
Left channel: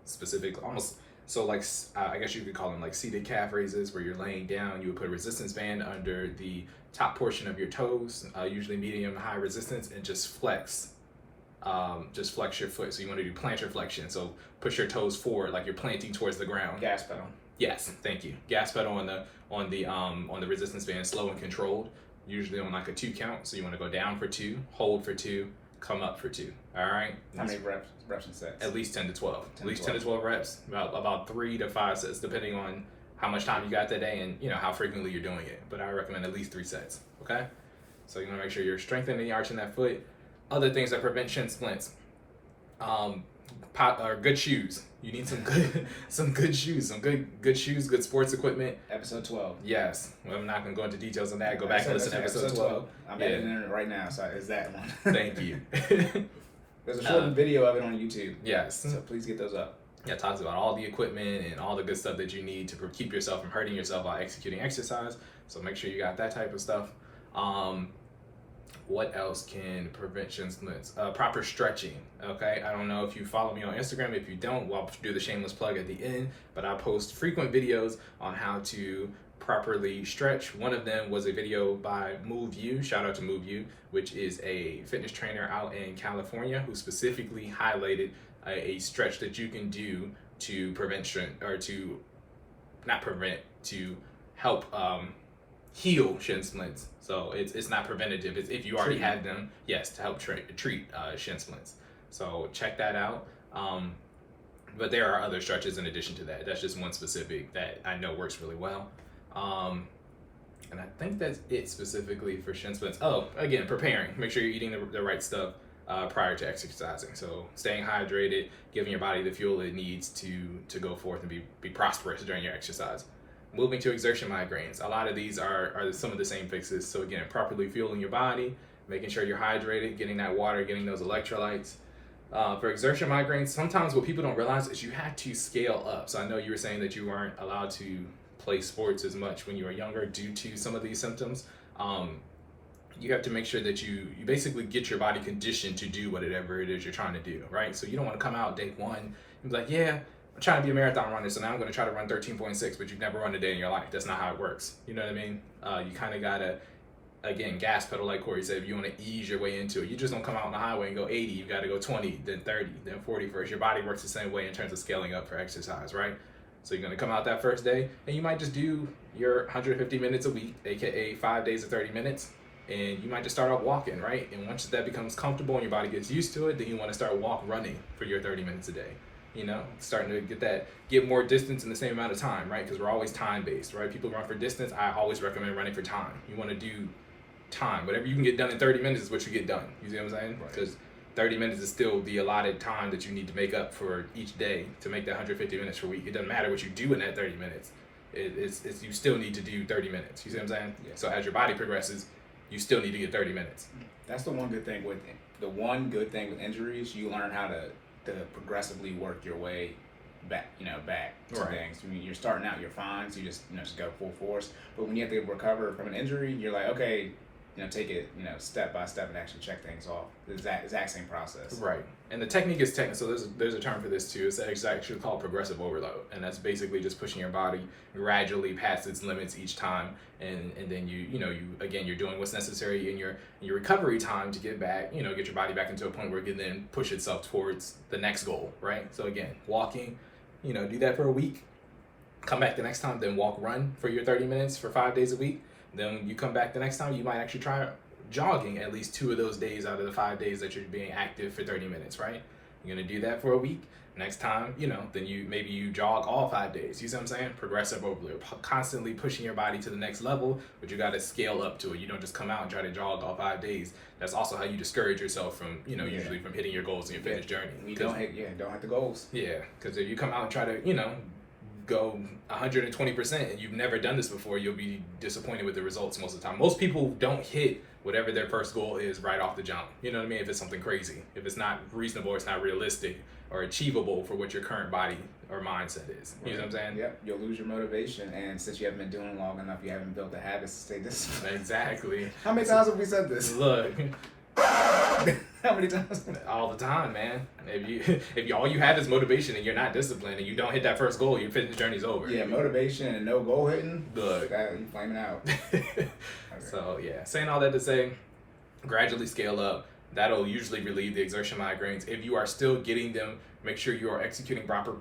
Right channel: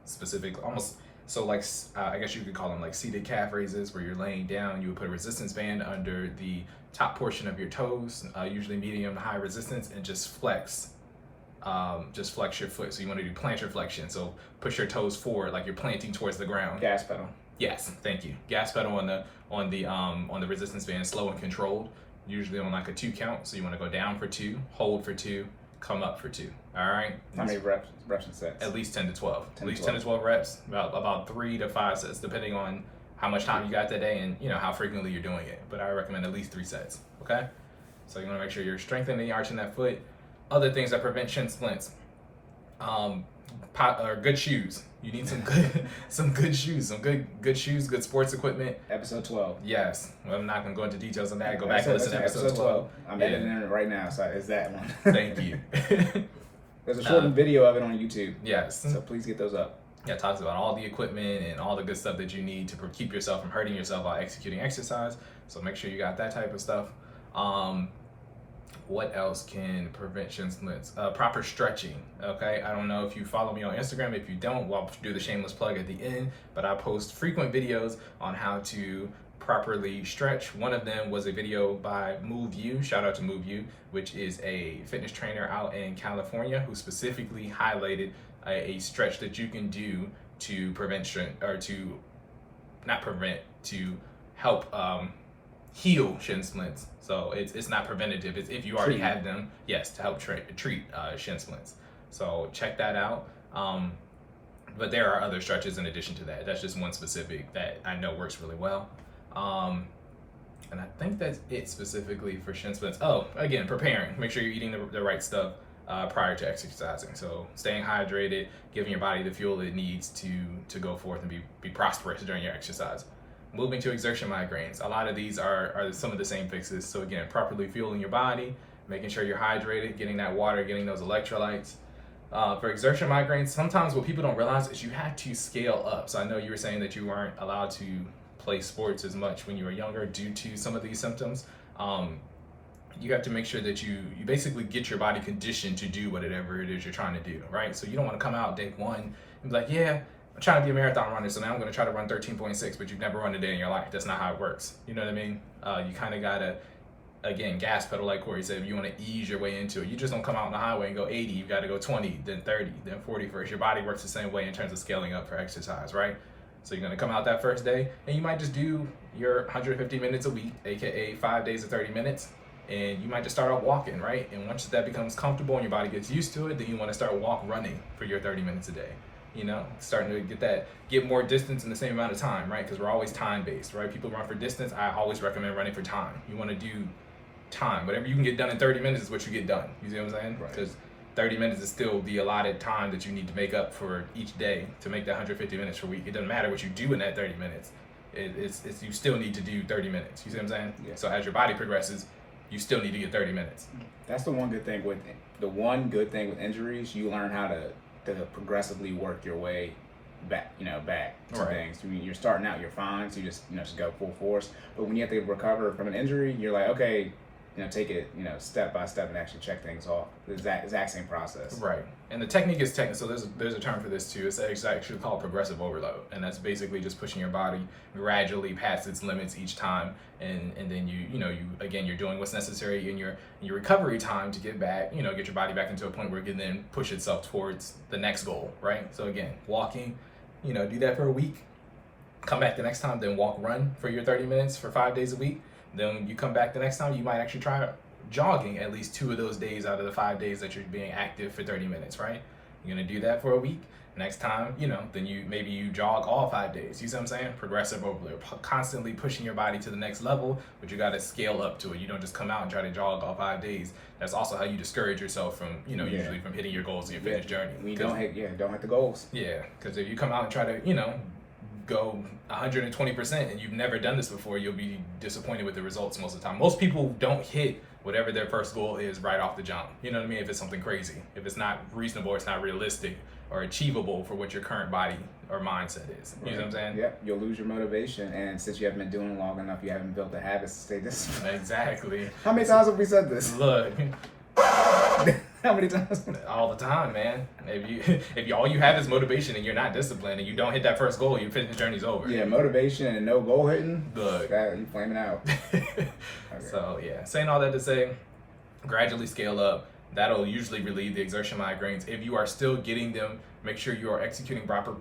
specific, almost, so like I guess you could call them like seated calf raises, where you're laying down. You would put a resistance band under the top portion of your toes, usually medium to high resistance, and just flex your foot. So you want to do plantar flexion. So push your toes forward like you're planting towards the ground. Gas pedal. Yes, thank you. Gas pedal on the resistance band, slow and controlled. Usually on like a 2 count. So you want to go down for 2, hold for 2, come up for 2. All right. How many reps and sets? At least 10 to 12. At least 10 to 12 reps. About 3 to 5 sets, depending on how much time you got that day and how frequently you're doing it. But I recommend at least 3 sets. Okay. So you want to make sure you're strengthening the arch in that foot. Other things that prevent shin splints. Good shoes. You need some good shoes, good sports equipment. Episode 12. Yes, I'm not gonna go into details on that. Go back and listen to episode 12. I'm editing it right now, so it's that one. Thank you. There's a short video of it on YouTube. Yes. So please get those up. Yeah, it talks about all the equipment and all the good stuff that you need to keep yourself from hurting yourself while executing exercise. So make sure you got that type of stuff. What else can prevent shin splints? Proper stretching, okay? I don't know if you follow me on Instagram. If you don't, well, I'll do the shameless plug at the end, but I post frequent videos on how to properly stretch. One of them was a video by Move You, shout out to Move You, which is a fitness trainer out in California who specifically highlighted a stretch that you can do to prevent to help heal shin splints. So it's not preventative. It's if you already have them, yes, to help treat shin splints. So check that out. But there are other stretches in addition to that. That's just one specific that I know works really well. And I think that's it specifically for shin splints. Oh, again, preparing. Make sure you're eating the right stuff prior to exercising. So staying hydrated, giving your body the fuel it needs to go forth and be prosperous during your exercise. Moving to exertion migraines. A lot of these are some of the same fixes. So again, properly fueling your body, making sure you're hydrated, getting that water, getting those electrolytes. For exertion migraines, sometimes what people don't realize is you have to scale up. So I know you were saying that you weren't allowed to play sports as much when you were younger due to some of these symptoms. you have to make sure that you basically get your body conditioned to do whatever it is you're trying to do, right? So you don't want to come out day one and be like, yeah, I'm trying to be a marathon runner, so now I'm going to try to run 13.6, but you've never run a day in your life. That's not how it works. You know what I mean? You kind of got to, again, gas pedal, like Cory said. If you want to ease your way into it, you just don't come out on the highway and go 80. You've got to go 20, then 30, then 40 first. Your body works the same way in terms of scaling up for exercise, right? So you're going to come out that first day, and you might just do your 150 minutes a week, aka 5 days of 30 minutes. And you might just start out walking, right? And once that becomes comfortable and your body gets used to it, then you want to start running for your 30 minutes a day. You know, starting to get more distance in the same amount of time, right? Because we're always time-based, right? People run for distance. I always recommend running for time. You want to do time. Whatever you can get done in 30 minutes is what you get done. You see what I'm saying? Because 30 minutes is still the allotted time that you need to make up for each day to make that 150 minutes per week. It doesn't matter what you do in that 30 minutes. It's you still need to do 30 minutes. You see what I'm saying? Yeah. So as your body progresses, you still need to get 30 minutes. That's the one good thing with injuries. You learn how to progressively work your way back to things. I mean, you're starting out, you're fine, so you just go full force. But when you have to recover from an injury, you're like, okay, take it, step by step and actually check things off. The exact same process. Right. And the technique is technical. So there's a term for this too. It's actually called progressive overload, and that's basically just pushing your body gradually past its limits each time, and then you're doing what's necessary in your recovery time to get back, get your body back into a point where it can then push itself towards the next goal, right? So again, walking, do that for a week, come back the next time, then run for your 30 minutes for 5 days a week. Then when you come back the next time, you might actually try jogging at least 2 of those days out of the 5 days that you're being active for 30 minutes, right? You're gonna do that for a week. Next time, then you jog all 5 days. You see what I'm saying? Progressive overload, constantly pushing your body to the next level, but you gotta scale up to it. You don't just come out and try to jog all 5 days. That's also how you discourage yourself from, usually from hitting your goals in your fitness journey. You don't hit the goals. Yeah, because if you come out and try to, go 120% and you've never done this before, you'll be disappointed with the results most of the time. Most people don't hit whatever their first goal is right off the jump. You know what I mean? If it's something crazy, if it's not reasonable, it's not realistic or achievable for what your current body or mindset is. You know what I'm saying? Yep. You'll lose your motivation, and since you haven't been doing it long enough, you haven't built the habits to stay disciplined. Exactly. How many times have we said this? Look. How many times? All the time, man. If all you have is motivation and you're not disciplined and you don't hit that first goal, your fitness journey's over. Yeah, motivation and no goal hitting. Look, you flaming out. Okay. So yeah, saying all that to say, gradually scale up. That'll usually relieve the exertion migraines. If you are still getting them, make sure you are executing proper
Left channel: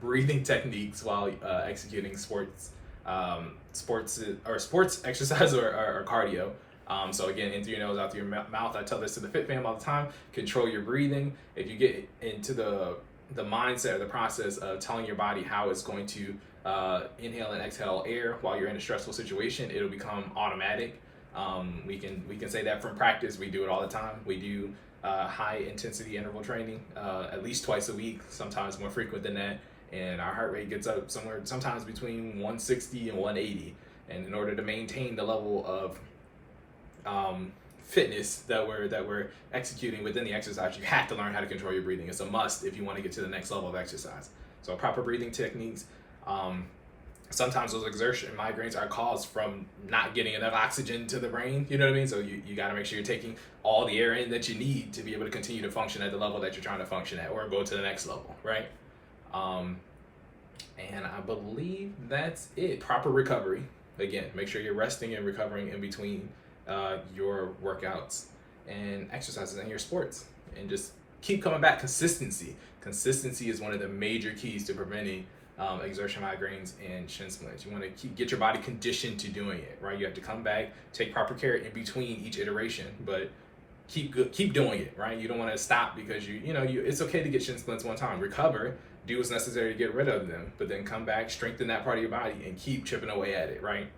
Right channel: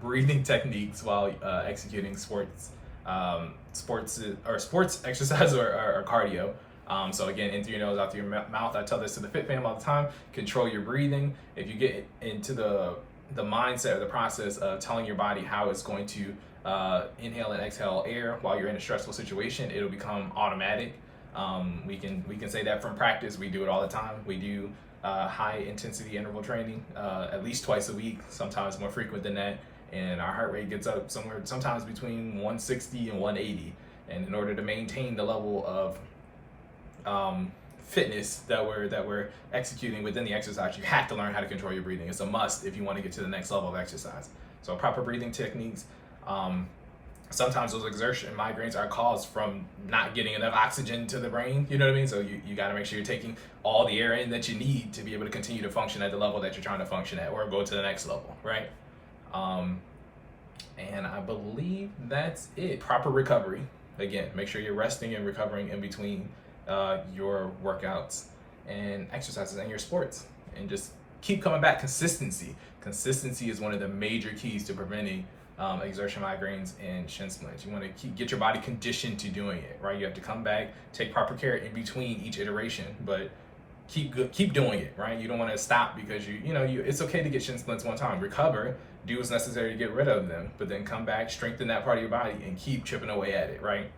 breathing techniques while executing sports exercise or cardio. So again, in through your nose, out through your mouth. I tell this to the Fit fam all the time. Control your breathing. If you get into the mindset or the process of telling your body how it's going to inhale and exhale air while you're in a stressful situation, it'll become automatic. We can say that from practice. We do it all the time. We do high intensity interval training at least twice a week, sometimes more frequent than that. And our heart rate gets up sometimes between 160 and 180. And in order to maintain the level of fitness that we're executing within the exercise, you have to learn how to control your breathing. It's a must if you want to get to the next level of exercise. So proper breathing techniques. Sometimes those exertion migraines are caused from not getting enough oxygen to the brain. You know what I mean? So you got to make sure you're taking all the air in that you need to be able to continue to function at the level that you're trying to function at, or go to the next level, right? And I believe that's it. Proper recovery. Again, make sure you're resting and recovering in between your workouts and exercises and your sports, and just keep coming back. Consistency is one of the major keys to preventing exertion migraines and shin splints. You want to get your body conditioned to doing it, right? You have to come back, take proper care in between each iteration, but keep doing it, right? You don't want to stop because it's okay to get shin splints one time, recover, do what's necessary to get rid of them, but then come back, strengthen that part of your body, and keep chipping away at it, right?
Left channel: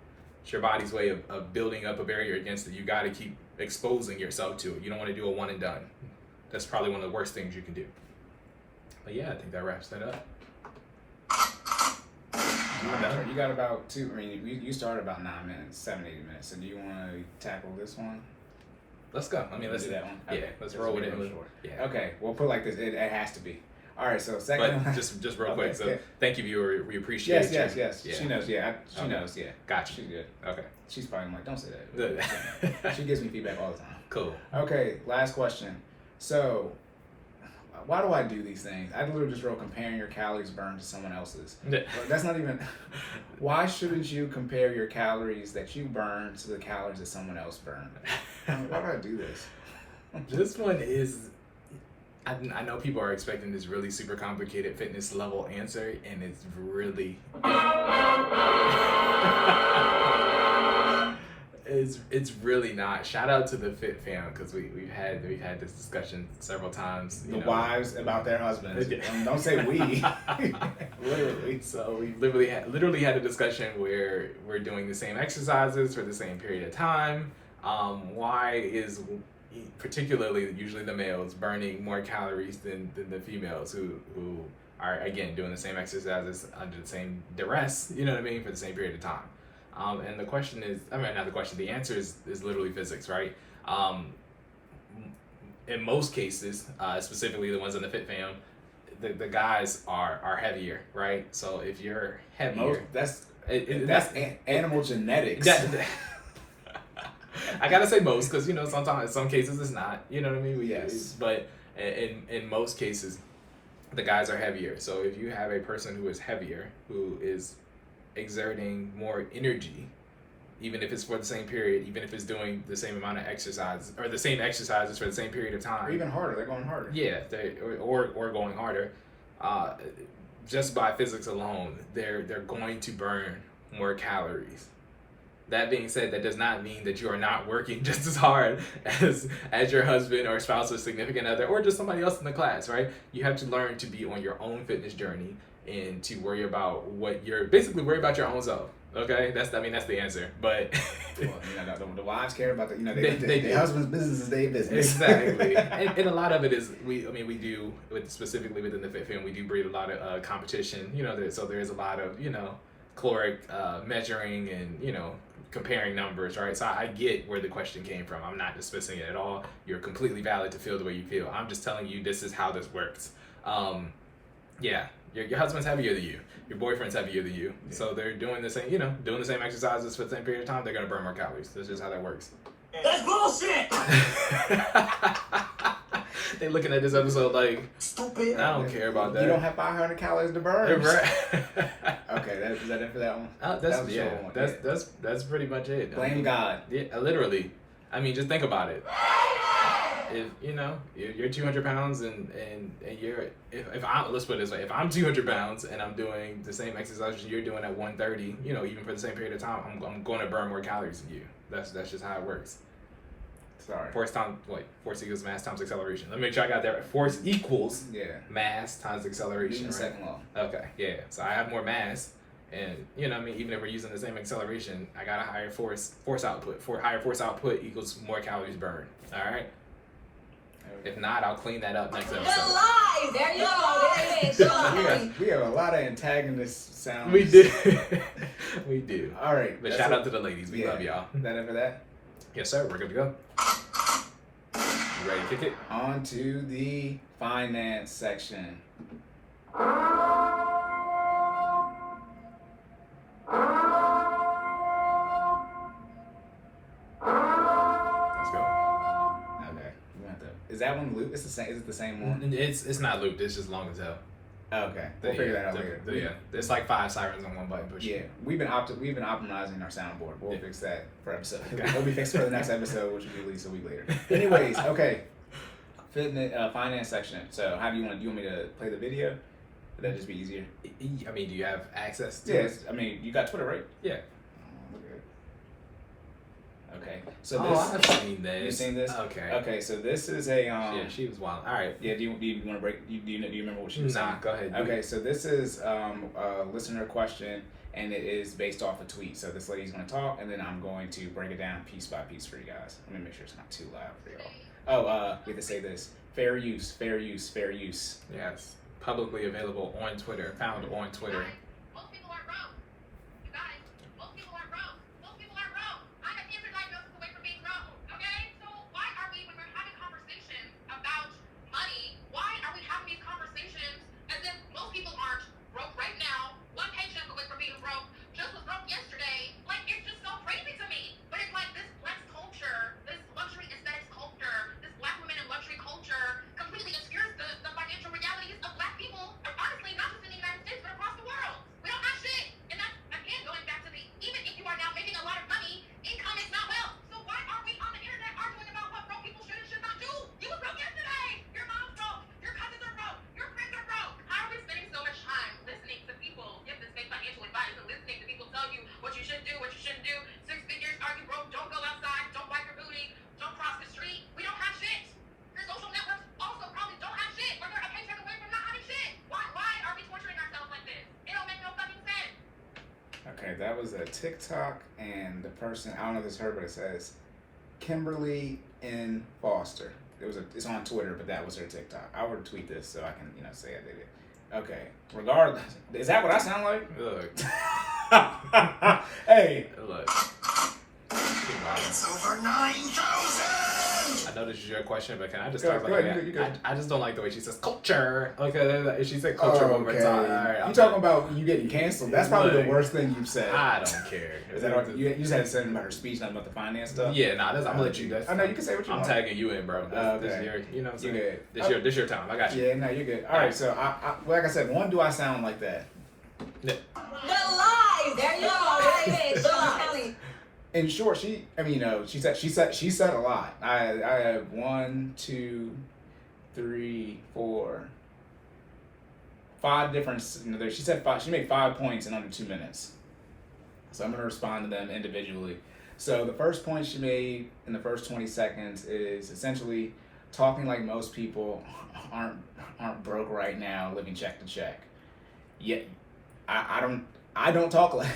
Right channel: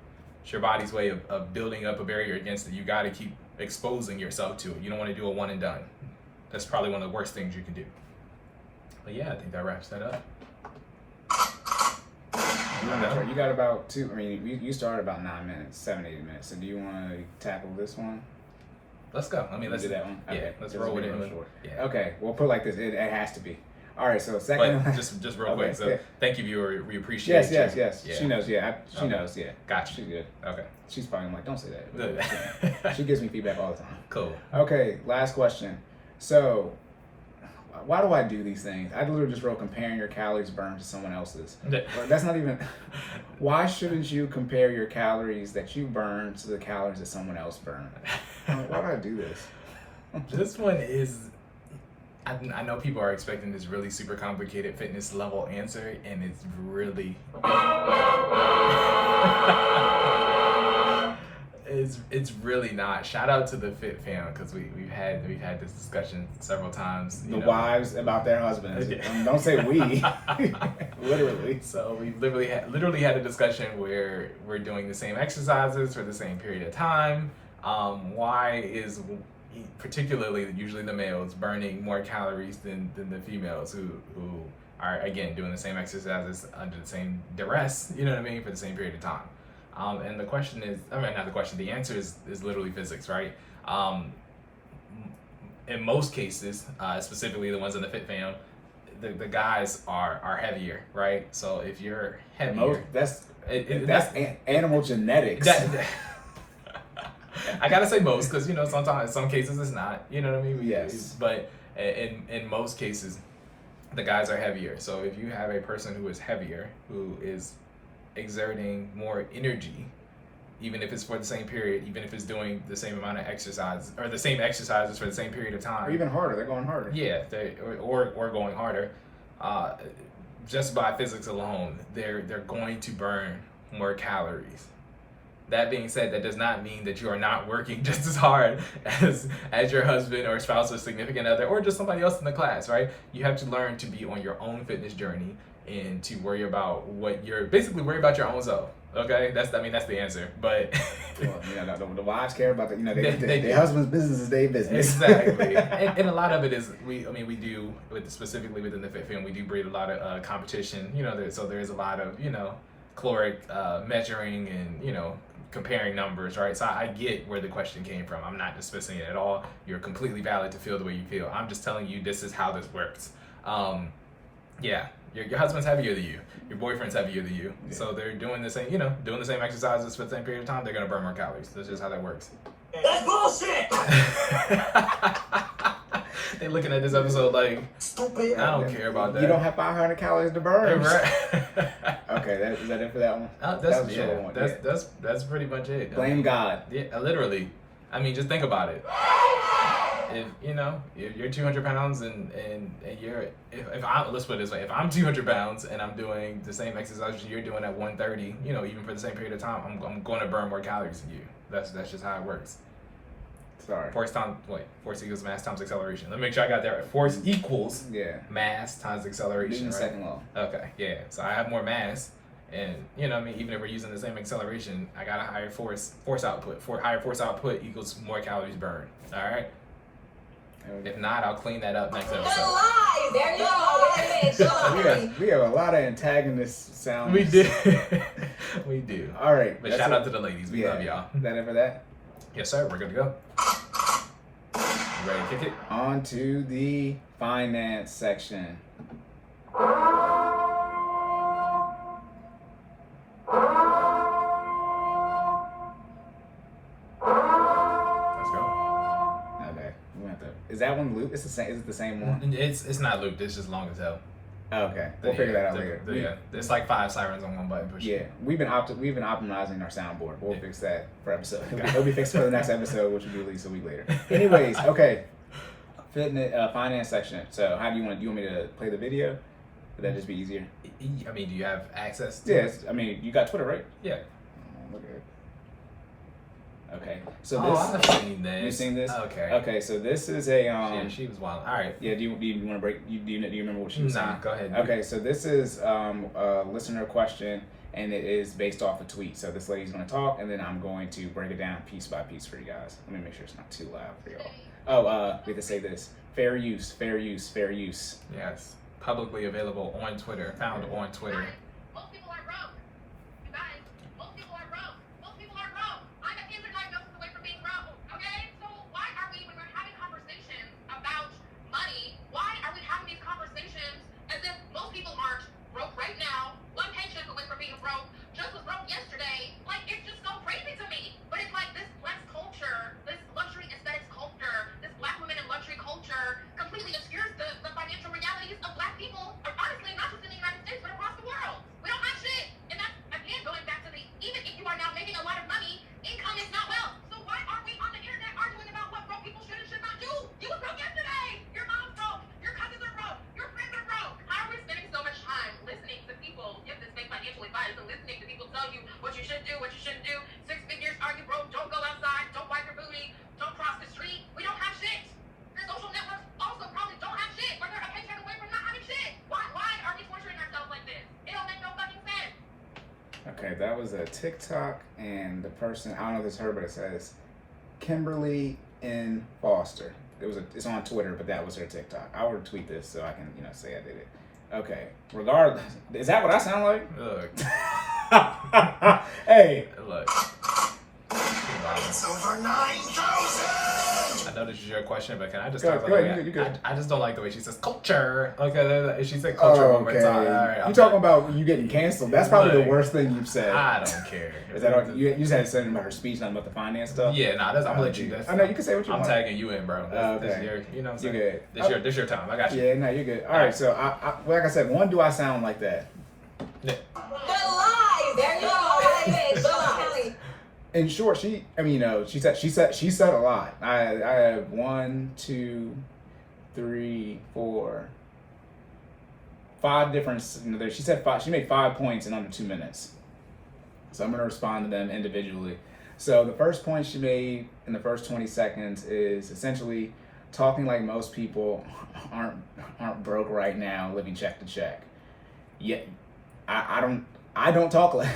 It's your body's way of building up a barrier against it. You got to keep exposing yourself to it. You don't want to do a one and done. That's probably one of the worst things you can do. But yeah, I think that wraps that up. You got about 2. I mean, you started about 9 minutes, 7, 8 minutes. So do you want to tackle this one? Let's go. I mean, let's do that one. Yeah, Okay. let's roll with it. Yeah. Okay, we'll put it like this. It has to be. All right, so second. But just real quick. So yeah. thank you, viewer. We appreciate Yes. Yeah. She knows. Yeah, she knows. Yeah. Gotcha. She's good. Okay. She's probably like, don't say that. She gives me feedback all the time. Cool. Okay, last question. So, why do I do these things? I literally just wrote comparing your calories burned to someone else's. Like, that's not even. Why shouldn't you compare your calories that you burn to the calories that someone else burned? Like, why do I do this? This one is. I know people are expecting this really super complicated fitness level answer, and it's really. It's really not. Shout out to the Fit fam, because we've had this discussion several times. The wives about their husbands. And don't say we. Literally. So we literally had a discussion where we're doing the same exercises for the same period of time. Why is particularly usually the males burning more calories than the females who are again doing the same exercises under the same duress, you know what I mean, for the same period of time. And the question is, not the question, the answer is literally physics, right? In most cases, specifically the ones in the Fit fam, the guys are heavier, right? So if you're heavier, that's animal genetics. I gotta say most, because sometimes some cases it's not, you know what I mean? Yes. But in most cases, the guys are heavier. So if you have a person who is heavier, who is exerting more energy, even if it's for the same period, even if it's doing the same amount of exercise or the same exercises for the same period of time, or even harder, they're going harder. Yeah, or going harder. Just by physics alone, they're going to burn more calories. That being said, that does not mean that you are not working just as hard as your husband or spouse or significant other or just somebody else in the class, right? You have to learn to be on your own fitness journey and to worry about worry about your own self. Okay, that's the answer. But the wives care about their husband's business is their business. Exactly. and a lot of it is we do specifically within the Fit fam, we do breed a lot of competition. So there is a lot of caloric measuring and comparing numbers, right? So I get where the question came from. I'm not dismissing it at all. You're completely valid to feel the way you feel. I'm just telling you this is how this works. Yeah, your husband's heavier than you. Your boyfriend's heavier than you. Yeah. So they're doing the same, doing the same exercises for the same period of time. They're gonna burn more calories. That's just how that works. That's bullshit! They looking at this episode like, stupid. I don't care about that. You don't have 500 calories to burn. Right. Okay, is that it for that one? That's pretty much it. Blame God. Yeah, literally. I mean, just think about it. If you're 200 pounds and let's put it this way, if I'm 200 pounds and I'm doing the same exercises you're doing at 130, even for the same period of time, I'm going to burn more calories than you. That's just how it works. Sorry. Force equals mass times acceleration. Let me make sure I got that right. Force equals mass times acceleration. Right? Second law. Okay, yeah. So I have more mass, and even if we're using the same acceleration, I got a higher force output. Higher force output equals more calories burned. All right. If not, I'll clean that up next episode. There you go. We have a lot of antagonist sounds. We do. We do. All right. But shout out to the ladies. We love y'all. Is that it for that? Yes, sir. We're good to go. You ready to kick it? On to the finance section. Let's go. Okay. Is that one looped? It's the same. Is it the same one? It's not looped. It's just long as hell. Okay. We'll figure that out later. Yeah. There's like 5 sirens on one button push. Yeah. We've been optimizing our soundboard. We'll fix that for episode. It'll be fixed for the next episode, which will be released a week later. Anyways, okay. Fitness finance section. So how do you want me to play the video? Would that just be easier? I mean, do you have access to it? I mean, you got Twitter, right? Yeah. Look at it. Okay. So I've seen this. You've seen this? Okay. Okay, so this is a Yeah, she was wild. All right. Yeah, do you want to break? Do you remember what she was saying? Nah, go ahead. Okay, so this is a listener question, and it is based off a tweet. So this lady's going to talk, and then I'm going to break it down piece by piece for you guys. Let me make sure it's not too loud for y'all. Oh, we have to say this: fair use, fair use, fair use. Yes, publicly available on Twitter, found on Twitter. Most people are wrong. You guys, most people are wrong. Most people are wrong. I'm a cancer diagnosis away from being wrong. Okay? So why are we, when we're having conversations about money, why are we having these conversations was a TikTok, and the person, I don't know if it's her, but it says Kimberly N. Foster. It's on Twitter, but that was her TikTok. I'll retweet this so I can, say I did it. Okay. Regardless, is that what I sound like? Look. Hey. Look. It's over 9,000! I know this is your question, but can I just Go, talk about go, the way you good. I just don't like the way she says culture. Okay, if she said culture one more Okay. time. All right, You I'm talking done. about you getting canceled? That's probably Look, the worst thing you've said. I don't care. Is that all, you just had to say about her speech, not about the finance stuff? Yeah, nah, I'm gonna let you. I know you can say what you I'm want. tagging you in, bro. This Okay. your, you know what I'm You saying? good. This your time. I got you. Yeah, no, you're good. All right, so I like I said, one, do I sound like that? The lies. There you go. The lies. In short, she said a lot. I have 1, 2, 3, 4, 5 different. She said 5. She made 5 points in under 2 minutes. So I'm gonna respond to them individually. So the first point she made in the first 20 seconds is essentially talking like most people aren't broke right now, living check to check. Yet I don't talk like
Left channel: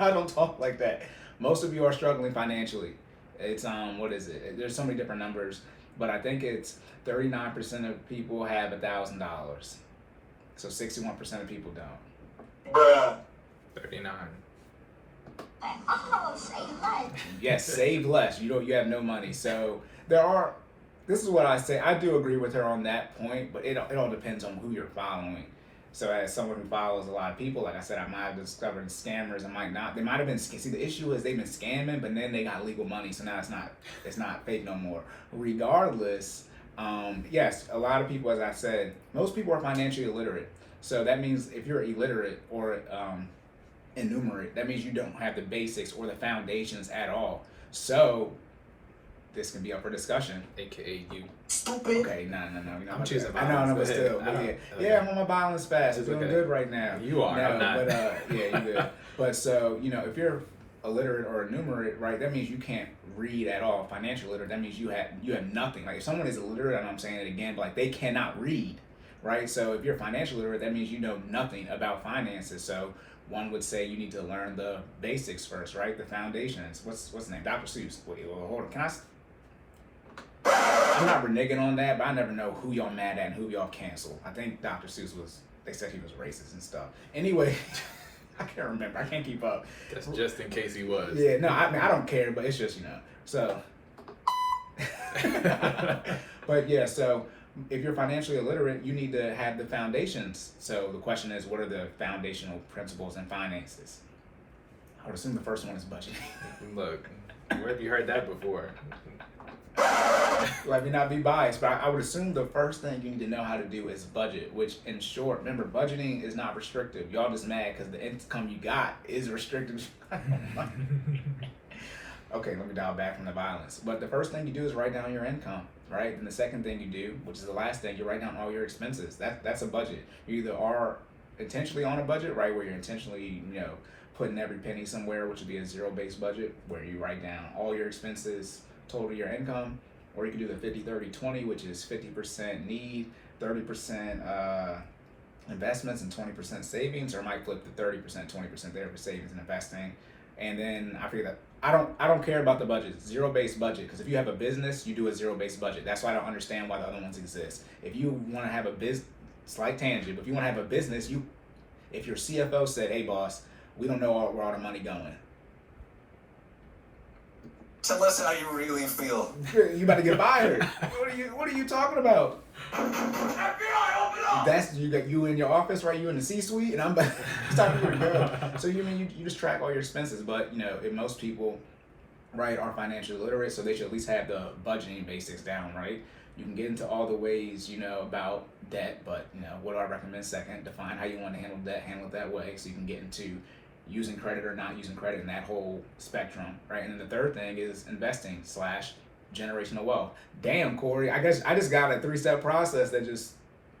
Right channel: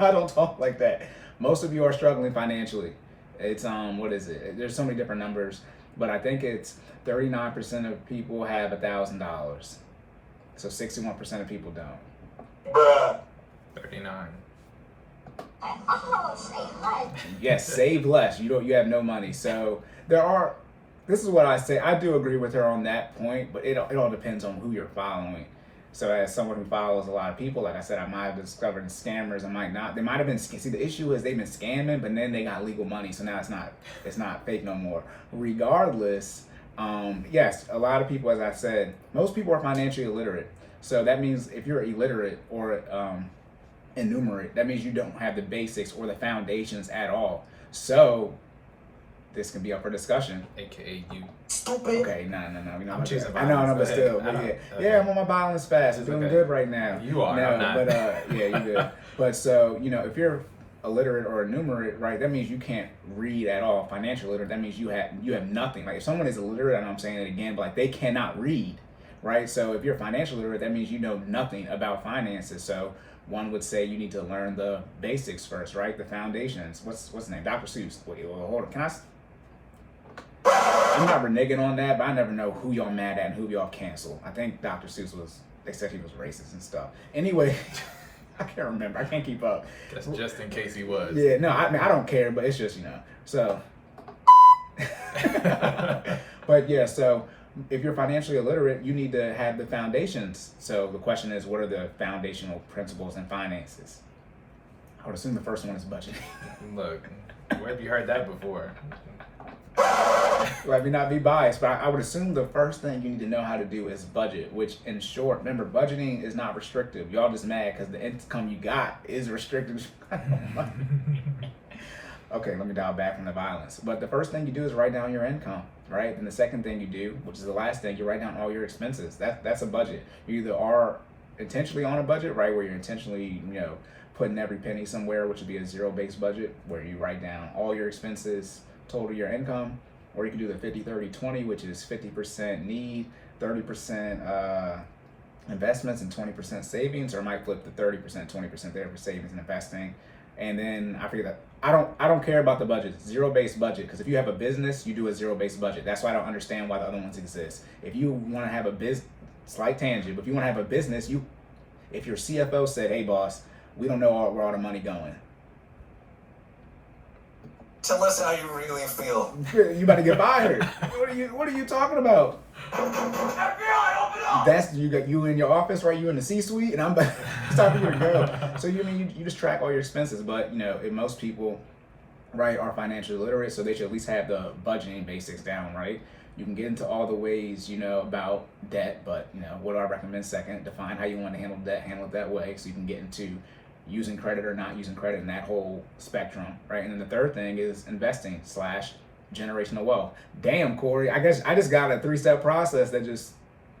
I don't talk like that. Most of you are struggling financially. It's what is it? There's so many different numbers, but I think it's 39% of people have $1,000. So 61% of people don't. Bruh. 39. Yes, save less. You have no money. So this is what I say. I do agree with her on that point, but it all depends on who you're following. So as someone who follows a lot of people, like I said, I might have discovered scammers. I might not. They might have been. See, the issue is they've been scamming, but then they got legal money. So now it's not fake no more. Regardless, yes, a lot of people, as I said, most people are financially illiterate. So that means if you're illiterate or enumerate, that means you don't have the basics or the foundations at all. So this can be up for discussion. AKA you. Stupid. Okay, no. I'm choosing I know, violence. but Go ahead. still, I don't- yeah, okay. yeah, I'm on my violence fast. It's It's doing okay. good right now. You are, No, I'm not. But yeah, you good. But so if you're illiterate or enumerate, right? That means you can't read at all. Financial illiterate, that means you have nothing. Like if someone is illiterate, and I'm saying it again, but like they cannot read, right? So if you're financial illiterate, that means you know nothing about finances. So one would say you need to learn the basics first, right? The foundations. What's his name? Dr. Seuss. Wait, hold on. I'm not reneging on that, but I never know who y'all mad at and who y'all cancel. I think Dr. Seuss they said he was racist and stuff. Anyway, I can't remember. I can't keep up. That's just in case he was. Yeah, no, I mean, I don't care, but it's just, so. But yeah, so if you're financially illiterate, you need to have the foundations. So the question is, what are the foundational principles in finances? I would assume the first one is budgeting. Look, where have you heard that before? Let me not be biased, but I would assume the first thing you need to know how to do is budget, which in short, remember, budgeting is not restrictive. Y'all just mad because the income you got is restricted. Okay, let me dial back from the violence. But the first thing you do is write down your income, right? And the second thing you do, which is the last thing, you write down all your expenses. That's a budget. You either are intentionally on a budget, right, where you're intentionally, putting every penny somewhere, which would be a zero-based budget, where you write down all your expenses, total your income, or you can do the 50-30-20, which is 50% need, 30% investments, and 20% savings, or I might flip the 30%, 20% there for savings and investing. And then I figure that I don't care about the budget, zero-based budget, because if you have a business, you do a zero-based budget. That's why I don't understand why the other ones exist. If you want to have a business, slight tangent, but if you want to have a business, if your CFO said, "Hey boss, we don't know where all the money going," Tell us how you really feel. you about to get fired. What are you talking about? FBI, open up! That's you in your office, right? You in the C-suite, and I'm about it's time for you to go. So you just track all your expenses, but if most people, right, are financially literate, so they should at least have the budgeting basics down, right? You can get into all the ways, about debt, but what do I recommend second? Define how you want to handle debt, handle it that way, so you can get into using credit or not using credit in that whole spectrum, right? And then the third thing is investing / generational wealth. Damn, Cory, I guess I just got a 3-step process that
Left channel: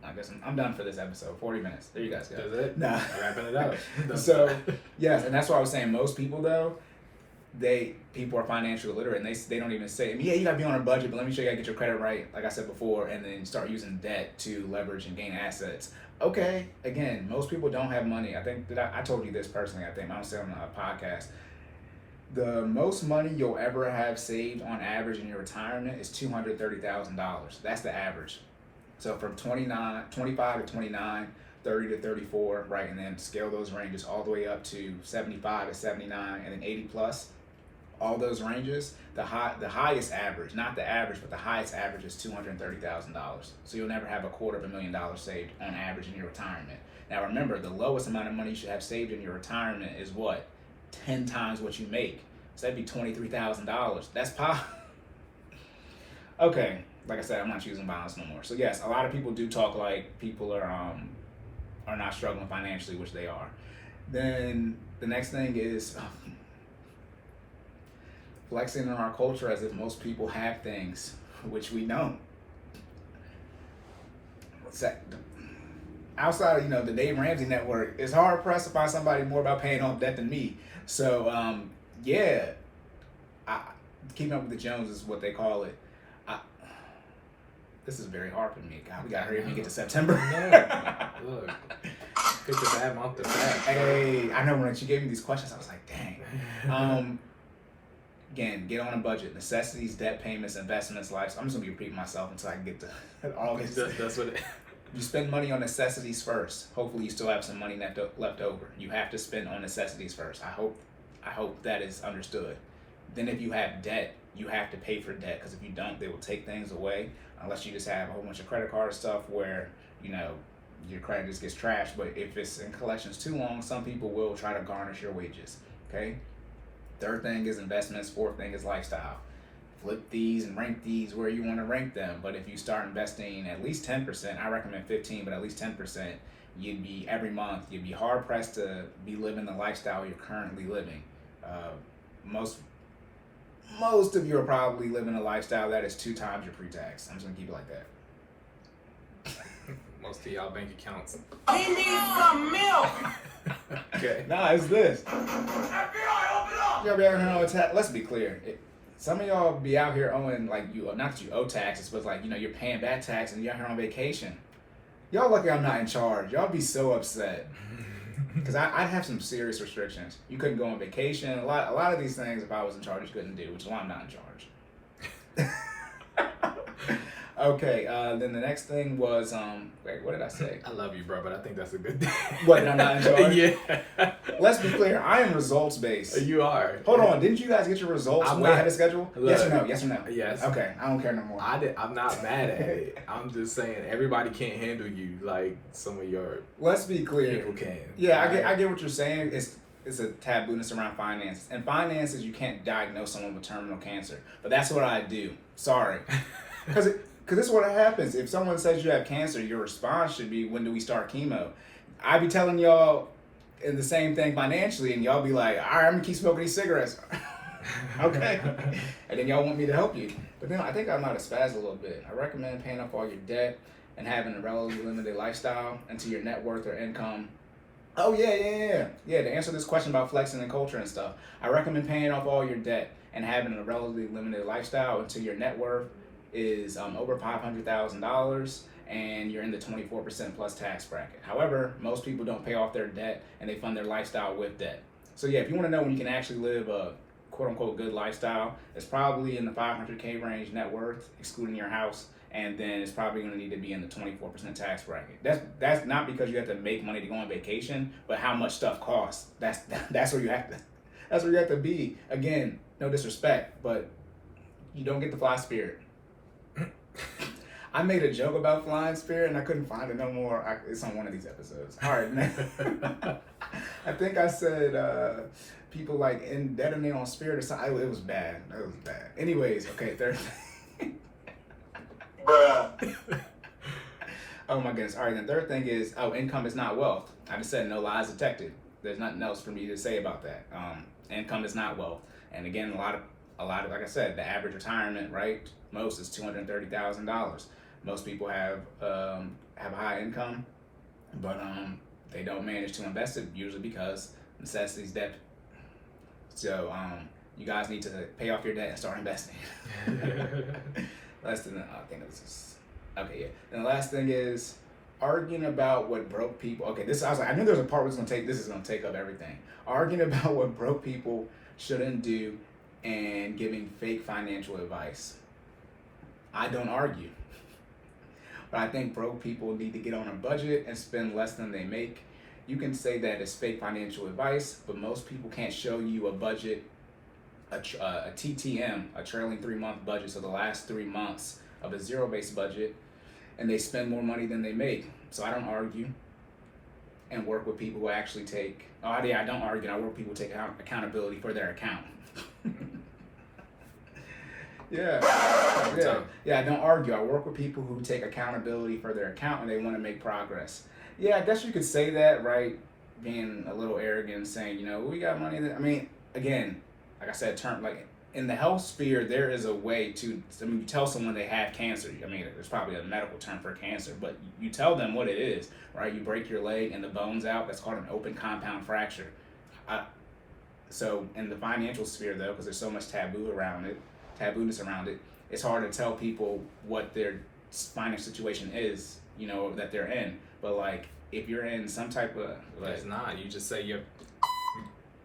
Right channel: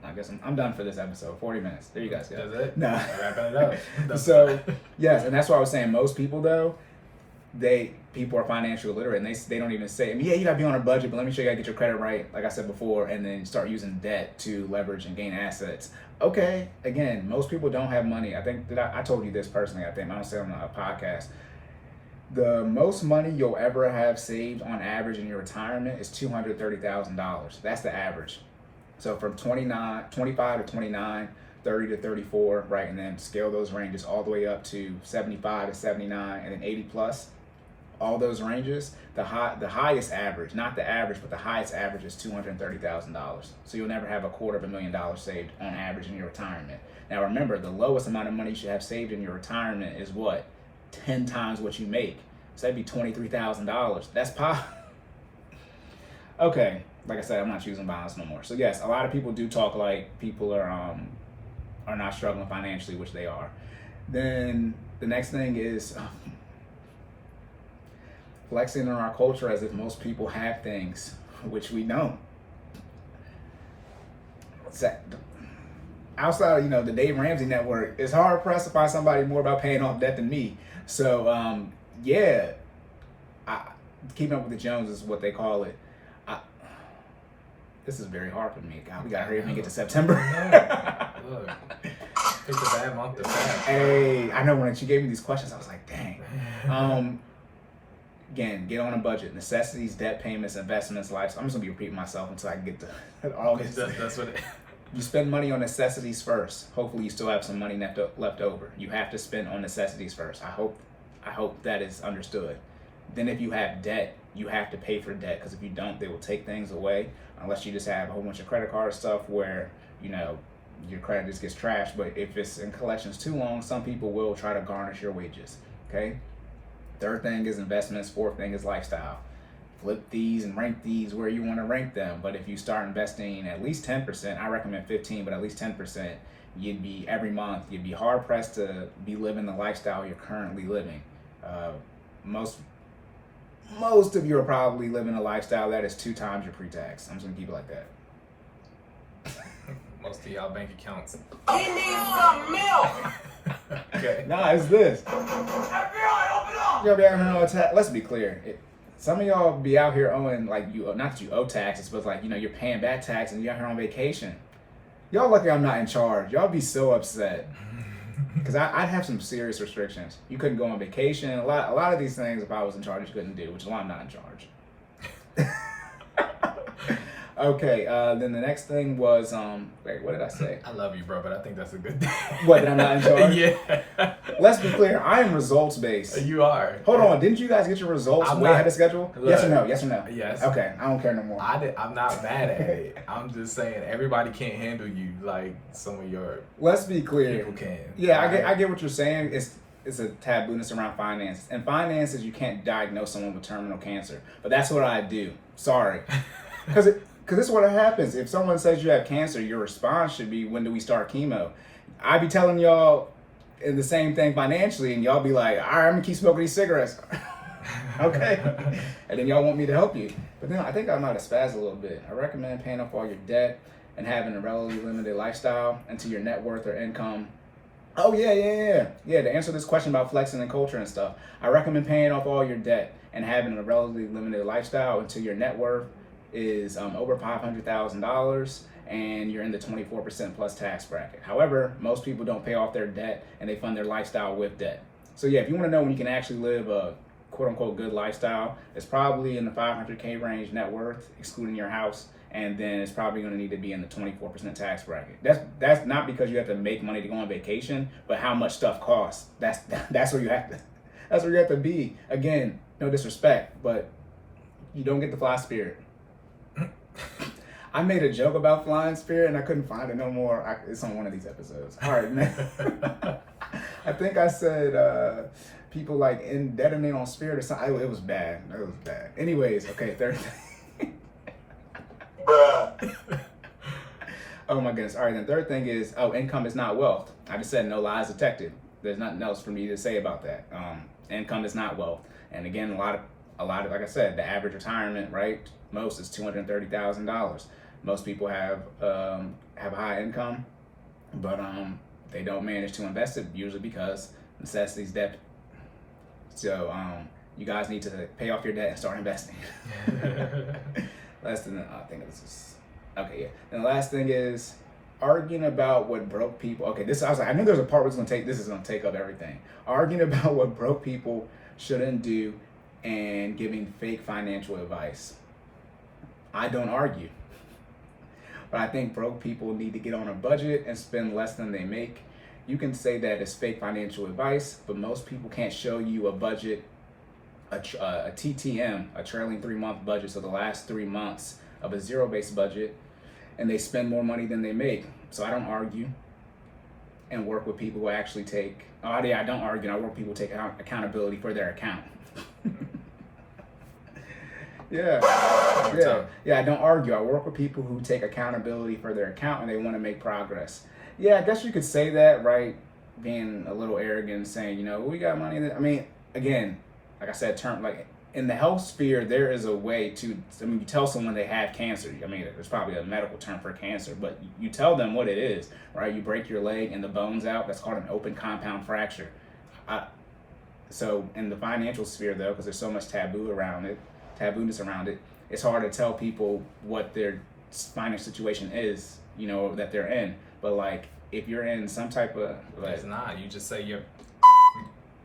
I guess I'm done for this episode. 40 minutes. There you guys go. Does it? Nah. Wrapping it up. So, yes, and that's why I was saying most people, though, people are financially illiterate, and they don't even say, yeah, you gotta be on a budget, but let me show you how to get your credit right, like I said before, and then start using debt to leverage and gain assets. Okay, again, most people don't have money. I think that I told you this personally. I think I don't say on a podcast. The most money you'll ever have saved on average in your retirement is $230,000. That's the average. So from 25 to 29, 30 to 34, right, and then scale those ranges all the way up to 75 to 79, and then 80 plus. All those ranges, the highest average, not the average, but the highest average is $230,000. So you'll never have $250,000 saved on average in your retirement. Now remember, the lowest amount of money you should have saved in your retirement is what? 10 times what you make. So that'd be $23,000. That's okay. Like I said, I'm not choosing violence no more. So yes, a lot of people do talk like people are not struggling financially, which they are. Then the next thing is flexing in our culture as if most people have things, which we don't. Outside of the Dave Ramsey network, it's hard pressed to find somebody more about paying off debt than me. So keeping up with the Joneses is what they call it. This is very hard for me. God, we gotta hurry up and get to September. No. Look, picked a bad month to fast. Hey, I know when she gave me these questions, I was like, dang. Again, get on a budget. Necessities, debt payments, investments, life. I'm just gonna be repeating myself until I can get to August. That's what. You spend money on necessities first. Hopefully, you still have some money left over. You have to spend on necessities first. I hope that is understood. Then, if you have debt, you have to pay for debt, because if you don't, they will take things away. Unless you just have a whole bunch of credit card stuff where your credit just gets trashed. But if it's in collections too long, some people will try to garnish your wages. Okay. Third thing is investments. Fourth thing is lifestyle. Flip these and rank these where you want to rank them. But if you start investing at least 10%, I recommend 15, but at least 10%, every month, you'd be hard pressed to be living the lifestyle you're currently living. Most of you are probably living a lifestyle that is 2 times your pre-tax. I'm just gonna keep it like that. Most of y'all bank accounts. He needs some milk. Okay. Nah, it's this. FBI, open up. Y'all be out here let's be clear. Some of y'all be out here owing, like, not that you owe taxes, but like, you're paying back tax and you're out here on vacation. Y'all lucky I'm not in charge. Y'all be so upset. Because I'd have some serious restrictions. You couldn't go on vacation. A lot of these things, if I was in charge, you couldn't do, which is why I'm not in charge. Okay, then the next thing was, wait, what did I say? I love you, bro, but I think that's a good thing. What, that I'm not in charge? Yeah. Let's be clear, I am results based. You are. Hold on, didn't you guys get your results I'm way not- ahead of schedule? Look, Yes or no? Yes or no? Yes. Okay, I don't care no more. I'm not mad at it. I'm just saying everybody can't handle you like some of your Let's be clear. people can. Yeah, right? I get what you're saying. It's a tabooness around finances. And finances, you can't diagnose someone with terminal cancer. But that's what I do. Sorry. Because this is what happens. If someone says you have cancer, your response should be, when do we start chemo? I be telling y'all in the same thing financially, and y'all be like, all right, I'm going to keep smoking these cigarettes. Okay. And then y'all want me to help you. But I think I might have spazzed a little bit. I recommend paying off all your debt and having a relatively limited lifestyle until your net worth or income. Oh, yeah. To answer this question about flexing and culture and stuff, I recommend paying off all your debt and having a relatively limited lifestyle until your net worth is over $500,000 and you're in the 24% plus tax bracket. However, most people don't pay off their debt and they fund their lifestyle with debt. So yeah, if you want to know when you can actually live a quote unquote good lifestyle, it's probably in the 500K range net worth, excluding your house, and then it's probably going to need to be in the 24% tax bracket. That's not because you have to make money to go on vacation, but how much stuff costs. That's where you have to be. Again, no disrespect, but you don't get to fly Spirit. I made a joke about flying Spirit and I couldn't find it no more. It's on one of these episodes. All right, man. I think I said people like detonate on Spirit or something. It was bad. Anyways, okay, third thing. Oh my goodness. All right, then third thing is, income is not wealth. I just said no lies detected. There's nothing else for me to say about that. Income is not wealth. And again, a lot of, like I said, the average retirement, right? Most is $230,000. Most people have a high income, but they don't manage to invest it, usually because necessities, debt. So you guys need to pay off your debt and start investing. Last thing, I think this is okay. Yeah. And the last thing is, arguing about what broke people. Okay, I was like, I knew there was a part where this is gonna take up everything. Arguing about what broke people shouldn't do and giving fake financial advice. I don't argue. But I think broke people need to get on a budget and spend less than they make. You can say that it's fake financial advice, but most people can't show you a budget, a TTM, a trailing 3-month budget, so the last 3 months of a zero-based budget, and they spend more money than they make. So I don't argue and work with people who actually take, I don't argue, and I work with people who take accountability for their account. Yeah, I don't argue. I work with people who take accountability for their account and they want to make progress. Yeah, I guess you could say that, right? Being a little arrogant and saying, you know, we got money. I mean, again, like I said, like in the health sphere, there is a way to, I mean, you tell someone they have cancer. I mean, there's probably a medical term for cancer, but you tell them what it is, right? You break your leg and the bone's out. That's called an open compound fracture. So in the financial sphere, though, because there's so much tabooness around it, it's hard to tell people what their financial situation is, you know, that they're in. But like, if you're in some type of, like, it's not. You just say you're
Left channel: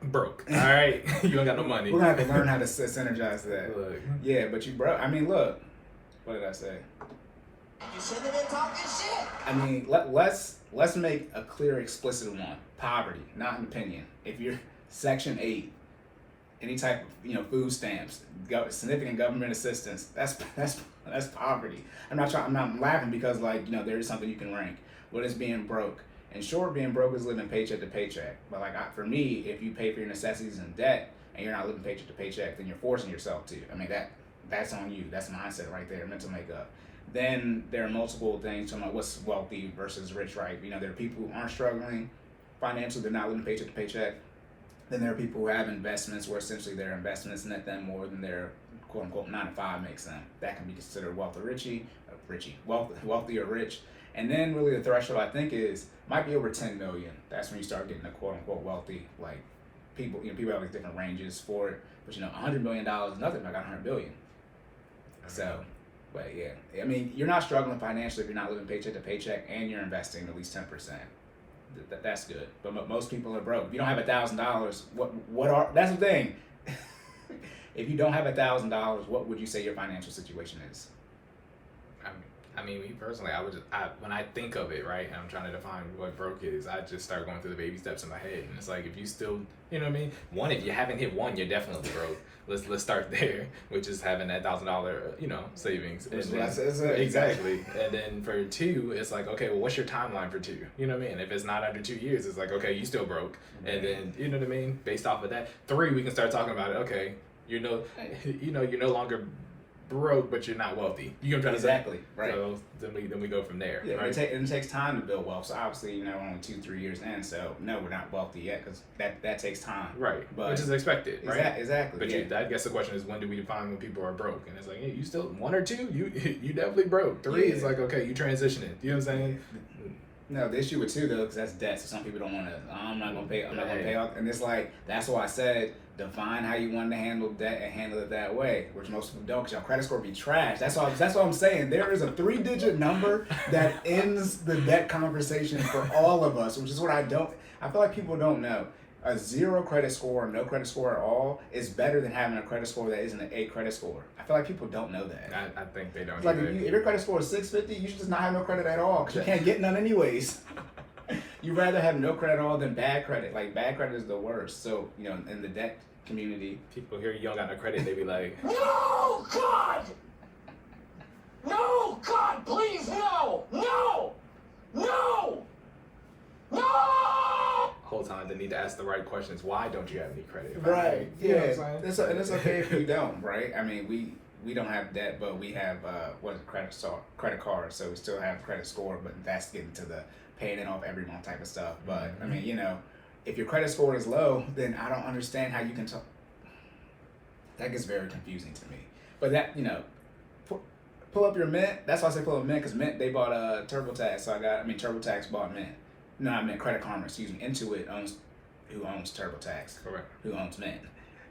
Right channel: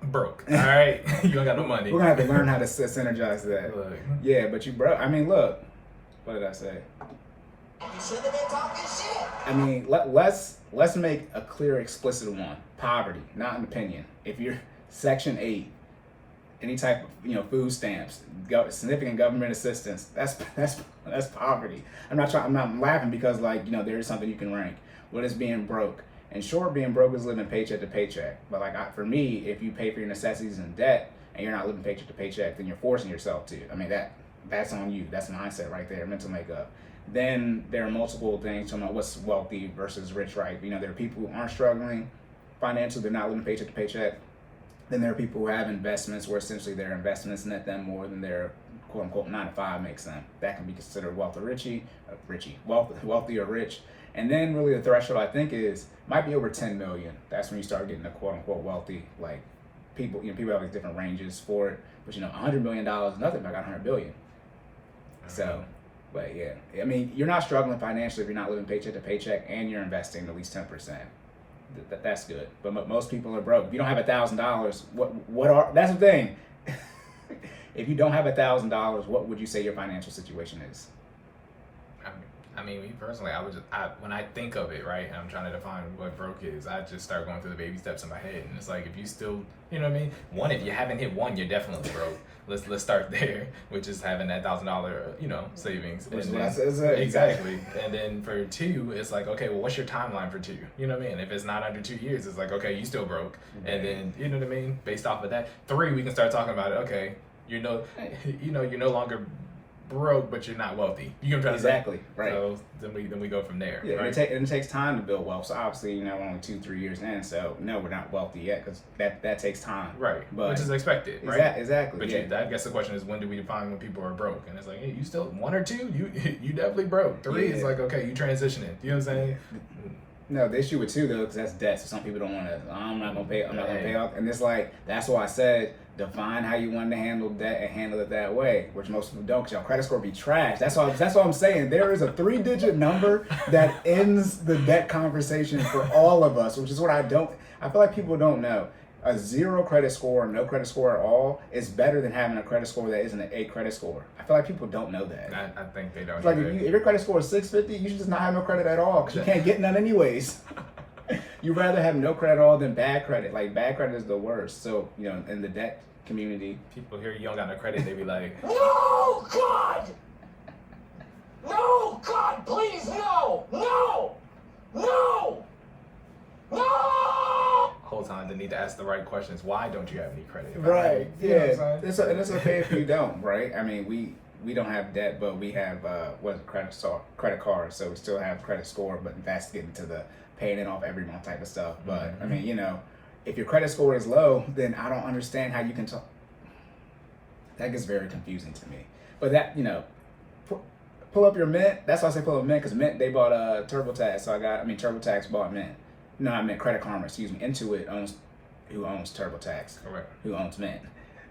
broke. All right, you don't got no money. We're gonna have to learn how to synergize that. Look. Yeah, but you broke. I mean, look. What did I say? You should have been talking shit. I mean, let's make a clear, explicit one. Poverty, not an opinion. If you're Section 8, any type of, you know, food stamps, significant government assistance, that's poverty. I'm not laughing because, like, you know, there is something you can rank. What is being broke? And sure, being broke is living paycheck to paycheck. But like, for me, if you pay for your necessities in debt and you're not living paycheck to paycheck, then you're forcing yourself to. I mean, that's on you. That's mindset right there, mental makeup. Then there are multiple things to know what's wealthy versus rich, right? You know, there are people who aren't struggling financially, they're not living paycheck to paycheck. Then there are people who have investments where essentially their investments net them more than their quote unquote 9 to 5 makes them. That can be considered wealthy or rich. And then really the threshold, I think, might be over 10 million. That's when you start getting the quote unquote wealthy. Like, people, you know, people have like different ranges for it. But you know, $100 million is nothing, but I got 100 billion. So, but yeah, I mean, you're not struggling financially if you're not living paycheck to paycheck and you're investing at least 10%. That's good. But most people are broke. If you don't have $1,000, that's the thing. If you don't have $1,000, what would you say your financial situation is? I mean, me personally, when I think of it, right, and I'm trying to define what broke is, I just start going through the baby steps in my head, and it's like, if you still, you know what I mean? One, if you haven't hit one, you're definitely broke. Let's start there, which is having that $1,000, you know, savings. And then, exactly. And then for 2, it's like, okay, well, what's your timeline for 2? You know what I mean? If it's not under 2 years, it's like, okay, you still broke. And then, you know what I mean? Based off of that, 3, we can start talking about it. Okay, you're no longer broke, but you're not wealthy. You know what I'm trying to say? Exactly. Right. So then we go from there. Yeah, right? It takes time to build wealth. So obviously, you know, we're only 2-3 years in. So no, we're not wealthy yet because that takes time. Right. But which is expected, right? Exactly. But I guess the question is, when do we define when people are broke? And it's like, hey, you still 1 or 2, you definitely broke. 3 is like, okay, you transitioning. You know what I'm saying? No, the issue with 2 though, because that's debt. So some people don't want to. I'm not gonna pay. I'm not gonna pay off. And it's like, that's why I said, define how you want to handle debt and handle it that way, which most people don't, because your credit score be trash. That's what I'm saying. There is a 3-digit number that ends the debt conversation for all of us, which is what I feel like people don't know. A 0 credit score, no credit score at all, is better than having a credit score that isn't an 8 credit score. I feel like people don't know that. I think they don't. It's like, if your credit score is 650, you should just not have no credit at all, because you can't get none anyways. You'd rather have no credit at all than bad credit. Like, bad credit is the worst. So, you know, in the debt community, people hear you don't got no credit, they be like, No, God! No, God, please, no! No! No! No! whole time they need to ask the right questions. Why don't you have any credit? Right. You know Yeah. what I'm saying? It's okay if you don't, right? I mean, we don't have debt, but we have credit cards, so we still have credit score, but that's getting to the paying it off every month type of stuff. But I mean, you know, if your credit score is low, then I don't understand how you can talk. That gets very confusing to me. But that, you know, pull up your Mint. That's why I say pull up Mint, because Mint, they bought TurboTax. So TurboTax bought Mint. No, I meant Credit Karma, excuse me. Intuit owns TurboTax. Correct. Who owns Mint.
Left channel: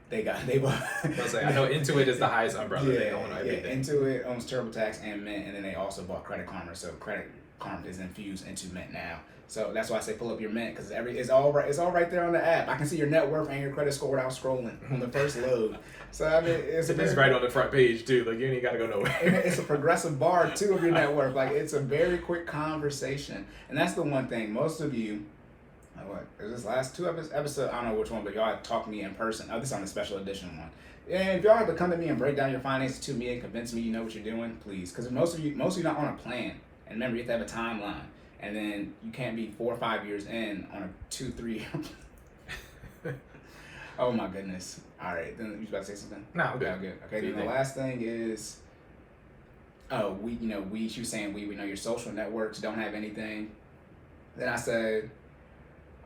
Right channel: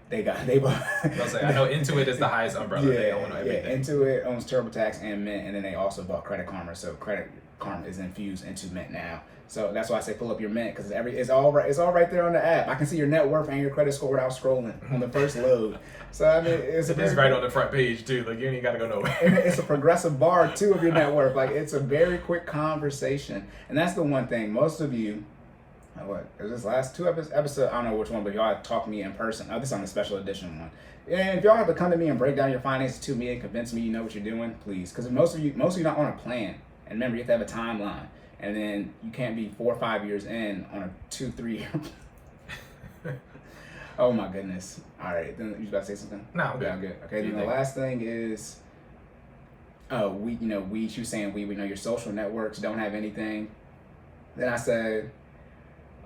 They bought. I know Intuit is the highest umbrella. They own everything. Yeah, Intuit owns TurboTax and Mint, and then they also bought Credit Karma. So karma is infused into Mint now. So that's why I say pull up your Mint, because it's all right there on the app. I can see your net worth and your credit score without scrolling on the first load. So I mean, it's right on the front page too. Like you ain't got to go nowhere. And it's a progressive bar too of your net worth. Like it's a very quick conversation, and that's the one thing most of you. What is this last two episodes? I don't know which one, but y'all talk to me in person. This is on the special edition one. And if y'all have to come to me and break down your finances to me and convince me you know what you're doing, please, because most of you not on a plan. And remember, you have to have a timeline. And then you can't be 4 or 5 years in on a 2-3 year. Oh my goodness! All right, then you about to say something? No, I'm good. Good. Okay. Then the last thing is, she was saying we know your social networks don't have anything. Then I said,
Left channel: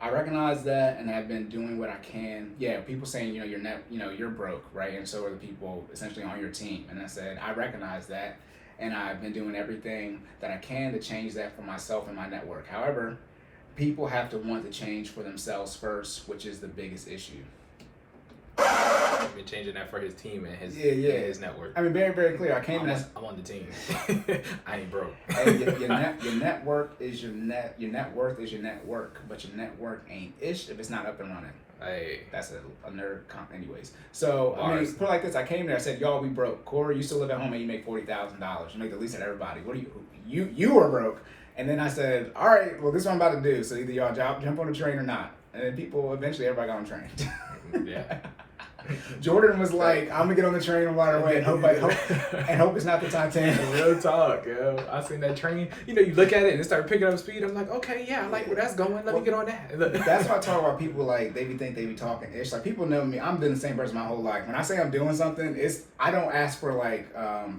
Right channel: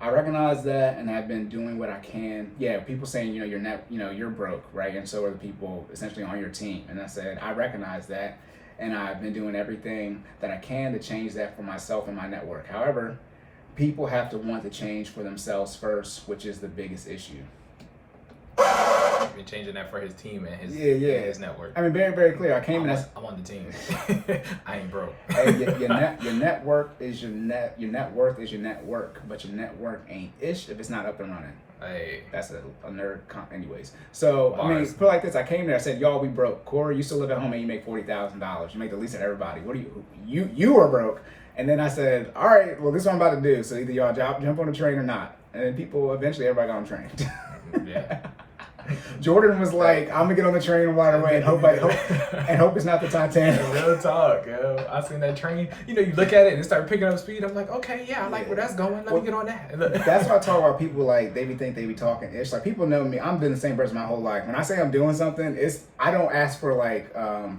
I recognize that, and I've been doing what I can. Yeah, people saying you're broke, right? And so are the people essentially on your team. And I said I recognize that. And I've been doing everything that I can to change that for myself and my network. However, people have to want to change for themselves first, which is the biggest issue. He's been changing that for his team and his his network. I mean, very, very clear. I'm on the team. I ain't broke. Hey, your network is your net. Your net worth is your network, but your network ain't ish if it's not up and running. Hey, that's a nerd anyways. So Bars. I mean, put it like this: I came there. I said, "Y'all, we broke. Corey, you still live at home and you make $40,000. You make the least of everybody. What do you are broke?" And then I said, "All right, well, this is what I'm about to do. So either y'all jump on the train or not." And then everybody got on the train. Yeah. Jordan was like, "I'm gonna get on the train right away and hope it's not the Titanic." Real talk, yo. I seen that train. You look at it and it started picking up speed. I'm like, okay, yeah, I like where that's going. Let me get on that. That's why I talk about people like they be talking. It's like people know me. I'm doing the same person my whole life. When I say I'm doing something, I don't ask for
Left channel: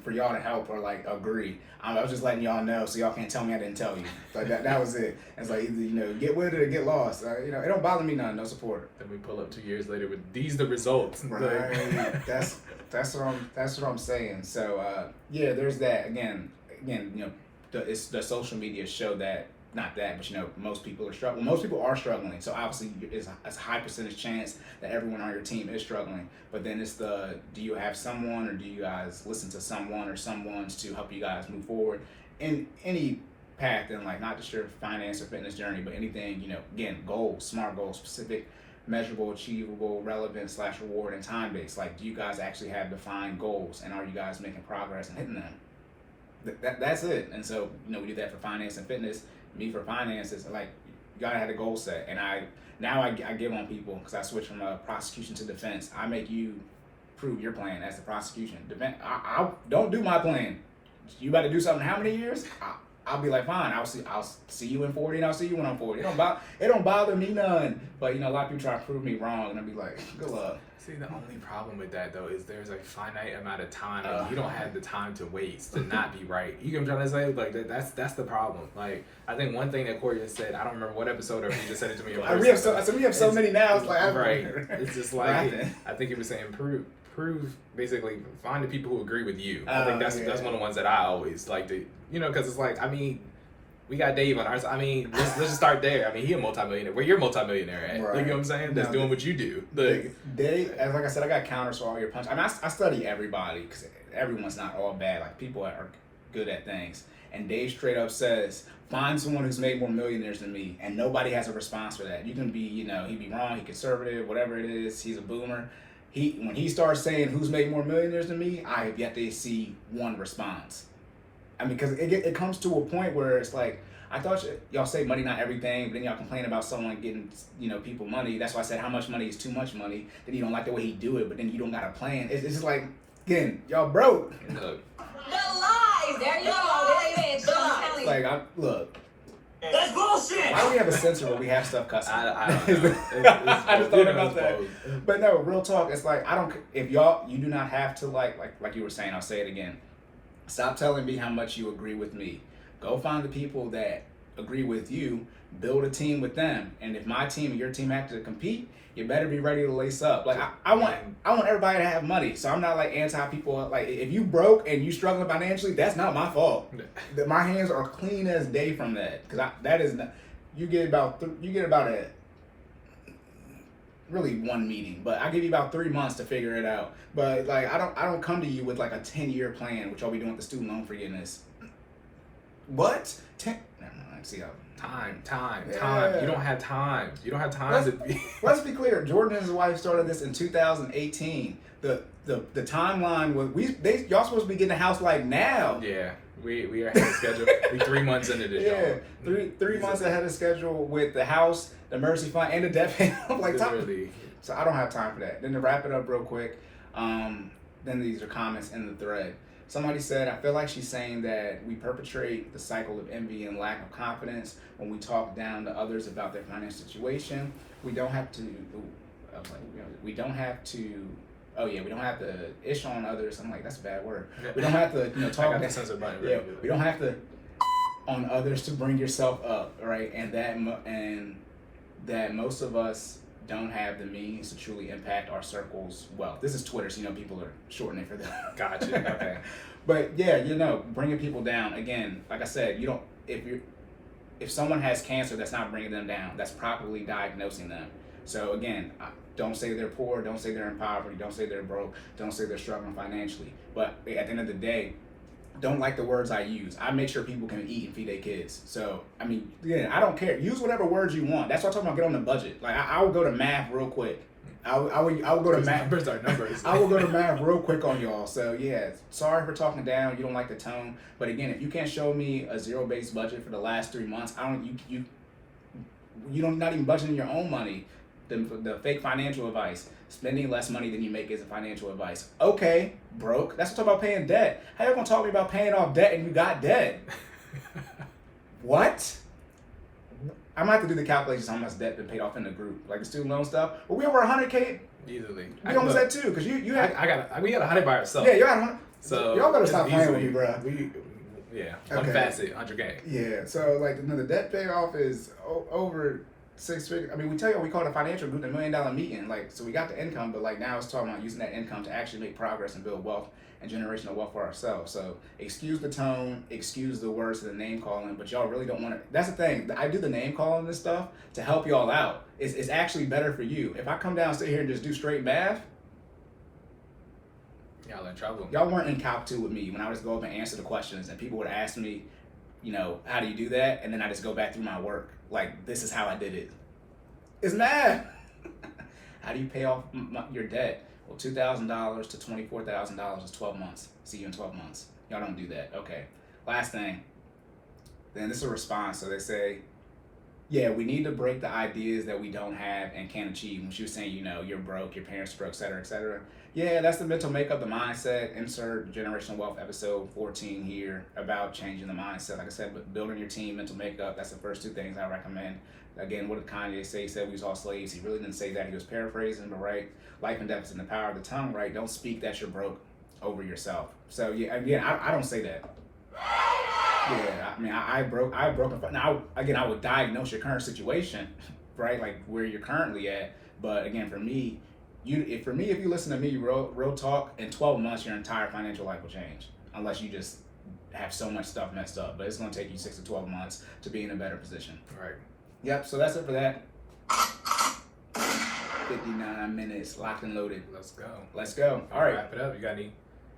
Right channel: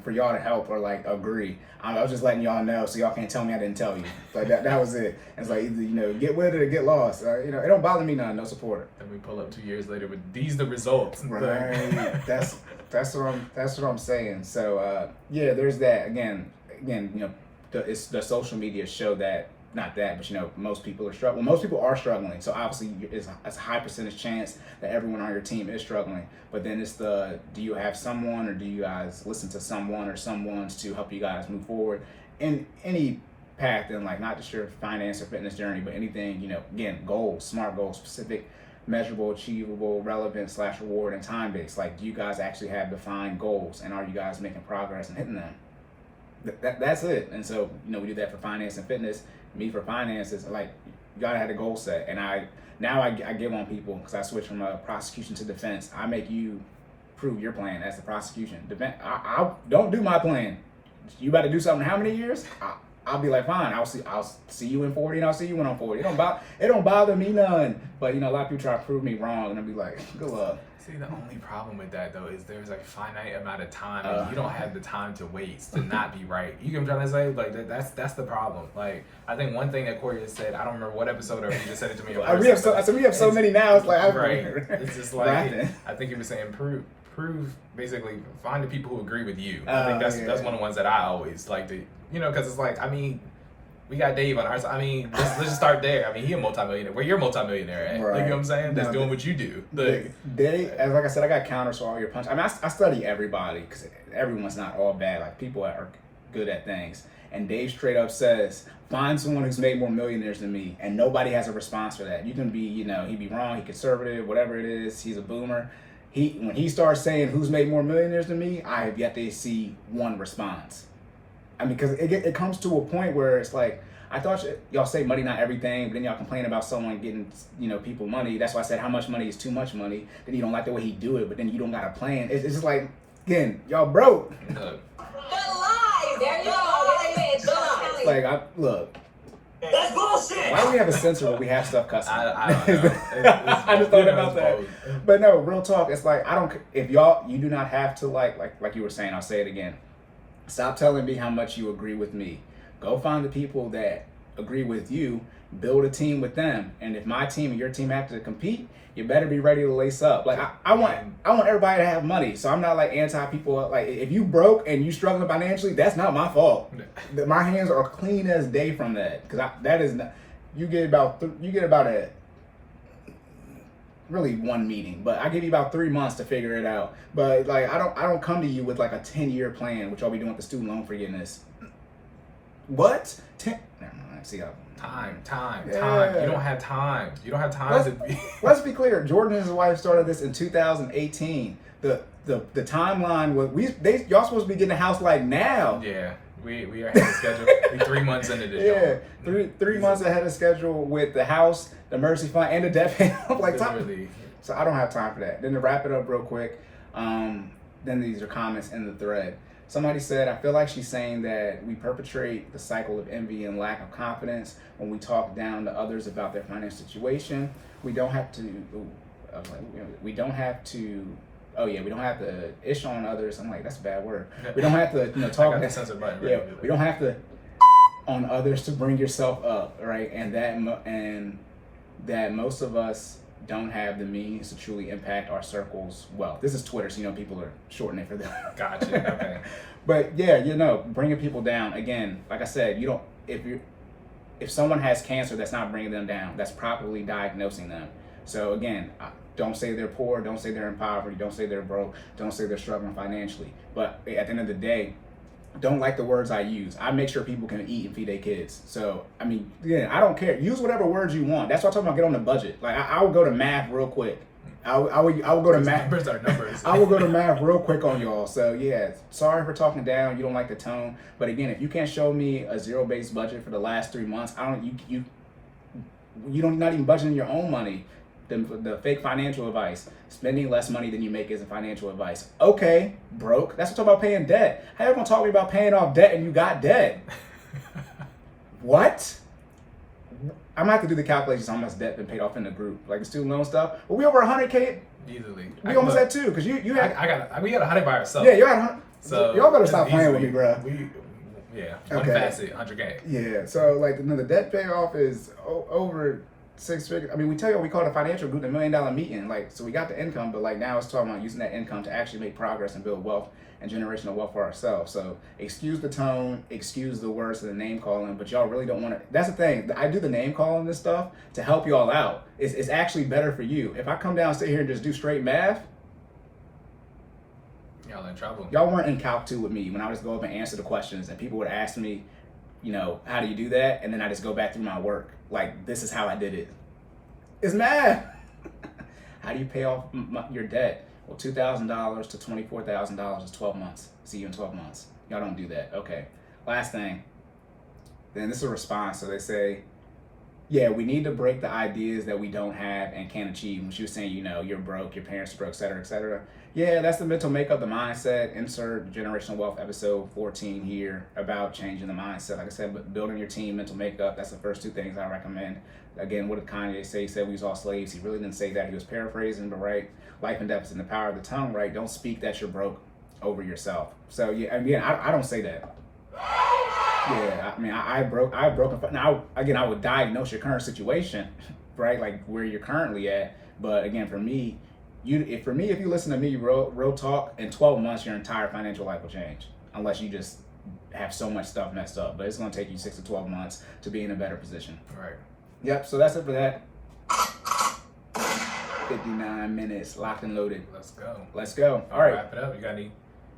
for y'all to help or agree. I was just letting y'all know so y'all can't tell me I didn't tell you. Like that was it. It's like either get with it or get lost. It don't bother me none. No support. Then we pull up 2 years later with these the results. Right. that's what I'm saying. So there's that. Again, the social media show that. Not that, but most people are struggling. Most people are struggling, so obviously it's a high percentage chance that everyone on your team is struggling. But then it's do you have someone, or do you guys listen to someone or someone's to help you guys move forward in any path in not just your finance or fitness journey, but anything. Again, goals, SMART goals, specific, measurable, achievable, relevant / reward, and time based. Do you guys actually have defined goals, and are you guys making progress and hitting them? That's it. And so we do that for finance and fitness. Me for finances, you gotta have a goal set, and I give on people because I switch from prosecution to defense. I make you prove your plan as the prosecution. I don't do my plan. You about to do something? How many years? I'll be like, fine. I'll see you in 40, and I'll see you when I'm 40. It don't bother me none. But a lot of people try to prove me wrong, and I'll be like, good luck. See, the only problem with that though is there's a finite amount of time, and you don't have the time to waste to not be right. You get what I'm trying to say? That's the problem. I think one thing that Cory just said, I don't remember what episode, or he just said it to me in person. we have so many now. It's right. It's just I think he was saying prove basically find the people who agree with you. I think that's one of the ones that I always like to because it's we got Dave on ours. Let's just start there. He a multimillionaire. Where you're a multimillionaire at? Right. You know what I'm saying? That's doing what you do. As I said, I got counters for all your punches. I study everybody because everyone's not all bad. People are good at things. And Dave straight up says, find someone who's made more millionaires than me, and nobody has a response for that. You can be, he'd be wrong, he's conservative, whatever it is. He's a boomer. When he starts saying who's made more millionaires than me, I have yet to see one response. Because it comes to a point where it's I thought y'all say money not everything, but then y'all complain about someone getting, people money. That's why I said how much money is too much money. Then you don't like the way he do it, but then you don't got a plan. It's just again, y'all broke. Look. The lies. There you go. Look. That's bullshit! Why do we have a censor where we have stuff cussing? I don't know. I just thought about that. But no, real talk. It's I don't. If you do not have to like you were saying. I'll say it again. Stop telling me how much you agree with me. Go find the people that agree with you. Build a team with them. And if my team and your team have to compete, you better be ready to lace up. I want everybody to have money. So I'm not anti people. If you broke and you struggling financially, that's not my fault. My hands are clean as day from that. Because that is not. You get about a really one meeting, but I give you about 3 months to figure it out. But I don't come to you with a 10-year plan, which I'll be doing with the student loan forgiveness. What? Never mind. See how. Time. Yeah. You don't have time. You don't have time to be. Let's be clear. Jordan and his wife started this in 2018. The timeline was y'all supposed to be getting a house like now. Yeah, we are ahead of schedule. We 3 months into this. Yeah, three months ahead of schedule with the house, the emergency fund, and the debt payment. I'm like, Literally. so I don't have time for that. Then to wrap it up real quick, then these are comments in the thread. Somebody said, I feel like she's saying that we perpetrate the cycle of envy and lack of confidence when we talk down to others about their financial situation. We don't have to, we don't have to ish on others. I'm like, that's a bad word. We don't have to, talk. I got the censor button ready. Yeah, we don't have to on others to bring yourself up, right? And that most of us don't have the means to truly impact our circles well. This is Twitter, so people are shortening it for that. Gotcha. Okay. But yeah, bringing people down. Again, like I said, if someone has cancer, that's not bringing them down. That's properly diagnosing them. So again, don't say they're poor. Don't say they're in poverty. Don't say they're broke. Don't say they're struggling financially. But at the end of the day, don't like the words I use. I make sure people can eat and feed their kids. So, I mean, again, I don't care. Use whatever words you want. That's what I'm talking about. Get on the budget. Like, I would go to math real quick. I would go to math. Numbers are numbers. I will go to math real quick on y'all. So, yeah, sorry for talking down. You don't like the tone. But again, if you can't show me a zero-based budget for the last 3 months, you don't not even budgeting your own money. The fake financial advice. Spending less money than you make isn't financial advice. Okay, broke. That's what I'm talking about paying debt. How you gonna talk to me about paying off debt and you got debt? What? I'm gonna have to do the calculations on how much debt been paid off in the group, like the student loan stuff. But we over 100K. Easily. We almost at 2 because you had. We got 100 by ourselves. Yeah, you had 100. So y'all better stop playing with me, bro. One facet, 100K. Yeah, so like the debt payoff is over 6 figures. I mean, we call it a financial group, $1 million meeting. Like, so we got the income, but like now it's talking about using that income to actually make progress and build wealth and generational wealth for ourselves. So excuse the tone, excuse the words of the name calling, but y'all really don't want to. That's the thing. I do the name calling this stuff to help y'all out. It's actually better for you. If I come down, sit here, and just do straight math, y'all in trouble. Y'all weren't in Calc 2 with me when I would just go up and answer the questions, and people would ask me, how do you do that? And then I just go back through my work. Like, this is how I did it. It's math. How do you pay off your debt? Well, $2,000 to $24,000 is 12 months. See you in 12 months. Y'all don't do that. Okay. Last thing. Then this is a response. So they say, yeah, we need to break the ideas that we don't have and can't achieve. She was saying, you're broke, your parents are broke, et cetera, et cetera. Yeah, that's the mental makeup, the mindset. Insert Generational Wealth episode 14 here about changing the mindset. Like I said, but building your team, mental makeup, that's the first 2 things I recommend. Again, what did Kanye say? He said we was all slaves. He really didn't say that. He was paraphrasing, but right, life and death is in the power of the tongue, right? Don't speak that you're broke over yourself. So yeah, again, I don't say that. Yeah, I mean, I broke. Now, again, I would diagnose your current situation, right? Like where you're currently at. But again, for me, if you listen to me, real talk, in 12 months, your entire financial life will change, unless you just have so much stuff messed up. But it's gonna take you 6 to 12 months to be in a better position. Right. Yep. So that's it for that. 59 minutes, locked and loaded. Let's go. All right. Wrap it up. You got any?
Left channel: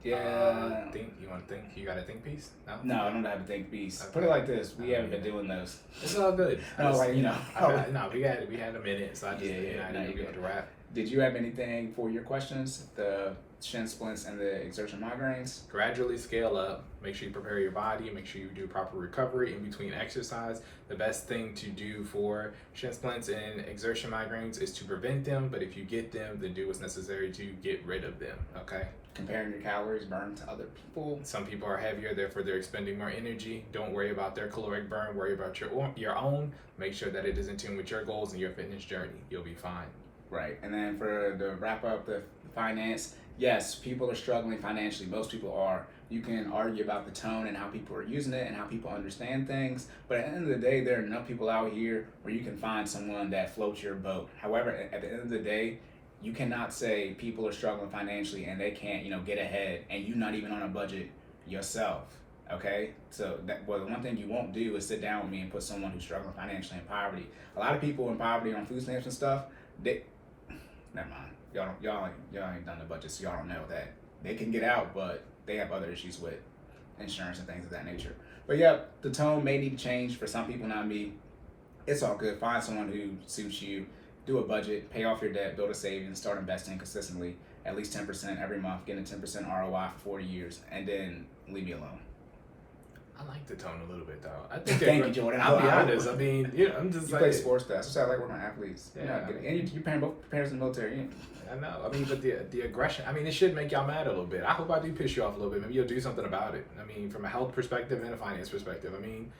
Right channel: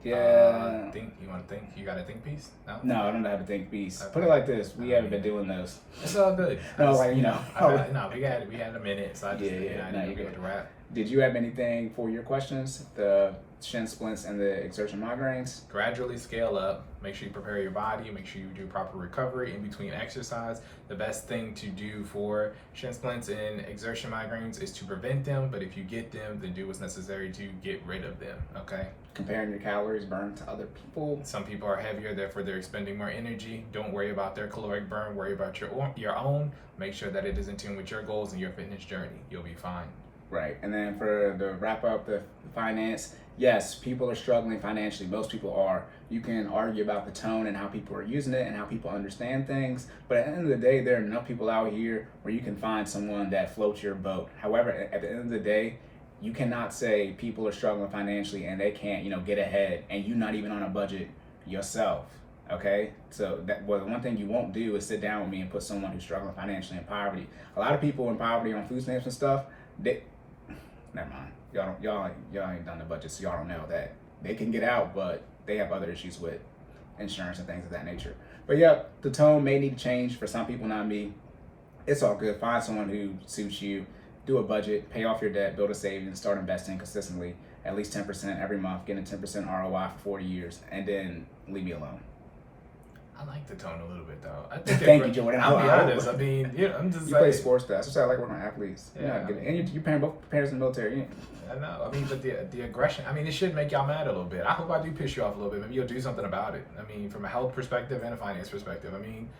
Yeah. You want to think? You got a think piece? No, I don't have a think piece. Okay. Put it like this: we haven't been doing those. It's all good. No, like we had a minute, so I just I didn't get to wrap. Did you have anything for your questions? The Shin Splints and the Exertion Migraines? Gradually scale up. Make sure you prepare your body. Make sure you do proper recovery in between exercise. The best thing to do for Shin Splints and Exertion Migraines is to prevent them, but if you get them, then do what's necessary to get rid of them, okay? Comparing your calories burned to other people. Some people are heavier, therefore they're expending more energy. Don't worry about their caloric burn. Worry about your own. Make sure that it is in tune with your goals and your fitness journey. You'll be fine. Right. And then for the wrap up the finance, yes, people are struggling financially. Most people are. You can argue about the tone and how people are using it and how people understand things. But at the end of the day, there are enough people out here where you can find someone that floats your boat. However, at the end of the day, you cannot say people are struggling financially and they can't, get ahead, and you're not even on a budget yourself. Okay? So one thing you won't do is sit down with me and put someone who's struggling financially in poverty. A lot of people in poverty on food stamps and stuff, never mind. Y'all ain't done the budget, so y'all don't know that. They can get out, but they have other issues with insurance and things of that nature. But yeah, the tone may need to change for some people, not me. It's all good. Find someone who suits you. Do a budget, pay off your debt, build a savings, start investing consistently, at least 10% every month, getting a 10% ROI for 40 years, and then leave me alone. I like the tone a little bit though. I think Thank you, Jordan. I'll be honest. I mean, I'm just You play like sports, that's what I like working with athletes. Yeah, and you both parents in the military. I know. I mean, but the aggression. I mean, it should make y'all mad a little bit. I hope I do piss you off a little bit. Maybe you'll do something about it. I mean, from a health perspective and a finance perspective. I mean,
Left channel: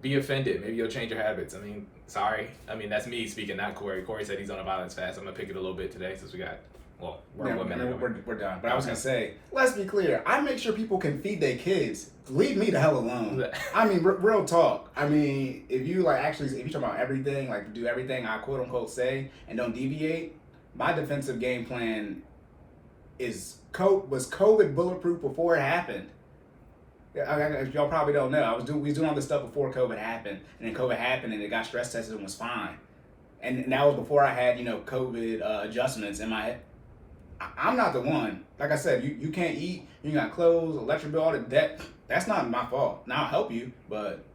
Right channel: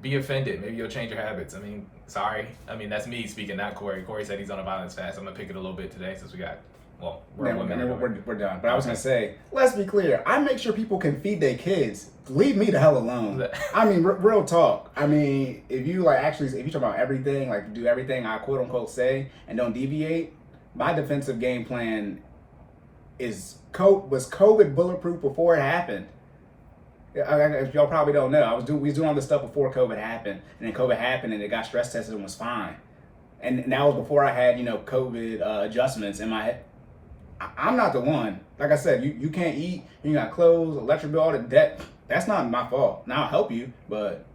be offended. Maybe you'll change your habits. I mean, sorry. I mean, that's me speaking, not Cory. Cory said he's on a violence fast. I'm gonna pick it a little bit today since we got. Well, we're women. We're done. But I was gonna say, let's be clear. I make sure people can feed their kids. Leave me the hell alone. I mean, real talk. I mean, if you if you talk about everything, like do everything I quote unquote say and don't deviate, my defensive game plan was COVID bulletproof before it happened. If y'all probably don't know, we was doing all this stuff before COVID happened, and then COVID happened, and it got stress tested and was fine. And that was before I had COVID adjustments in my head. I'm not the one. Like I said, you can't eat, you got clothes, electric bill, all the debt. That's not my fault. Now I'll help you, but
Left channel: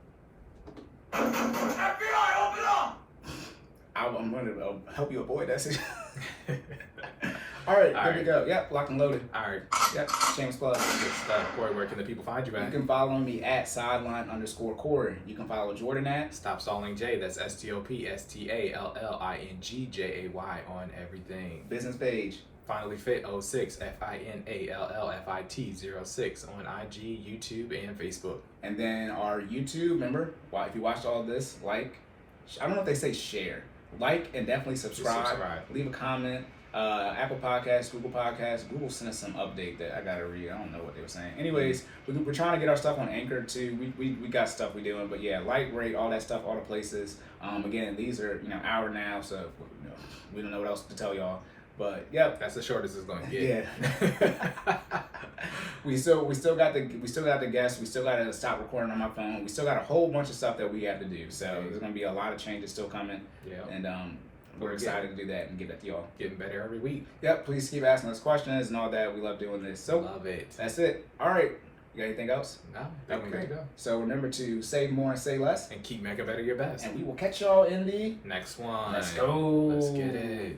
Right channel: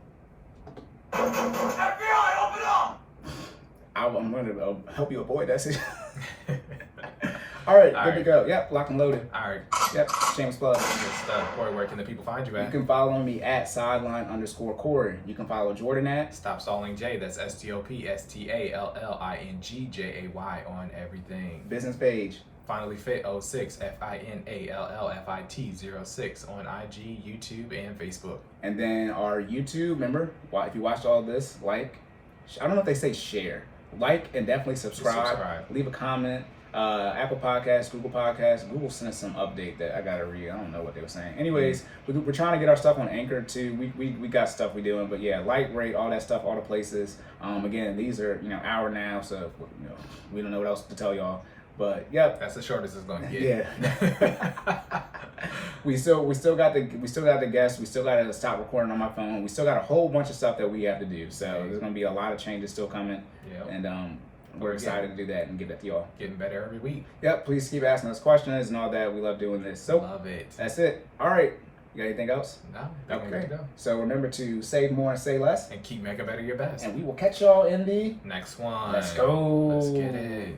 FBI, open up! I'm going to help you avoid that situation. All right, here we go. Yep, lock and loaded. All right. Yep, shameless plug. Good stuff. Cory, where can the people find you at? You can follow me at sideline_Cory. You can follow Jordan at Stop Stalling J. That's STOPSTALLINGJAY on everything. business page. FinallyFit 06 FINALLFIT 06 on IG, YouTube, and Facebook. And then our YouTube, remember, if you watched all this, I don't know if they say share. Like and definitely subscribe. Leave a comment. Apple Podcasts, Google Podcasts. Google sent us some update that I gotta read. I don't know what they were saying. Anyways, we're trying to get our stuff on Anchor too. We got stuff we doing, but yeah, rate, all that stuff, all the places. Again, these are our now, so we don't know what else to tell y'all. But yep, that's the shortest it's gonna get. Yeah. we still got the guests. We still got to stop recording on my phone. We still got a whole bunch of stuff that we have to do. So there's gonna be a lot of changes still coming. Yeah. And we're excited to do that and give it to y'all. Getting better every week. Yep. Please keep asking us questions and all that. We love doing this. So love it. That's it. All right. You got anything else? No. We're good to go. So remember to save more and say less. And keep making better your best. And we will catch y'all in the next one. Let's go. Let's get it.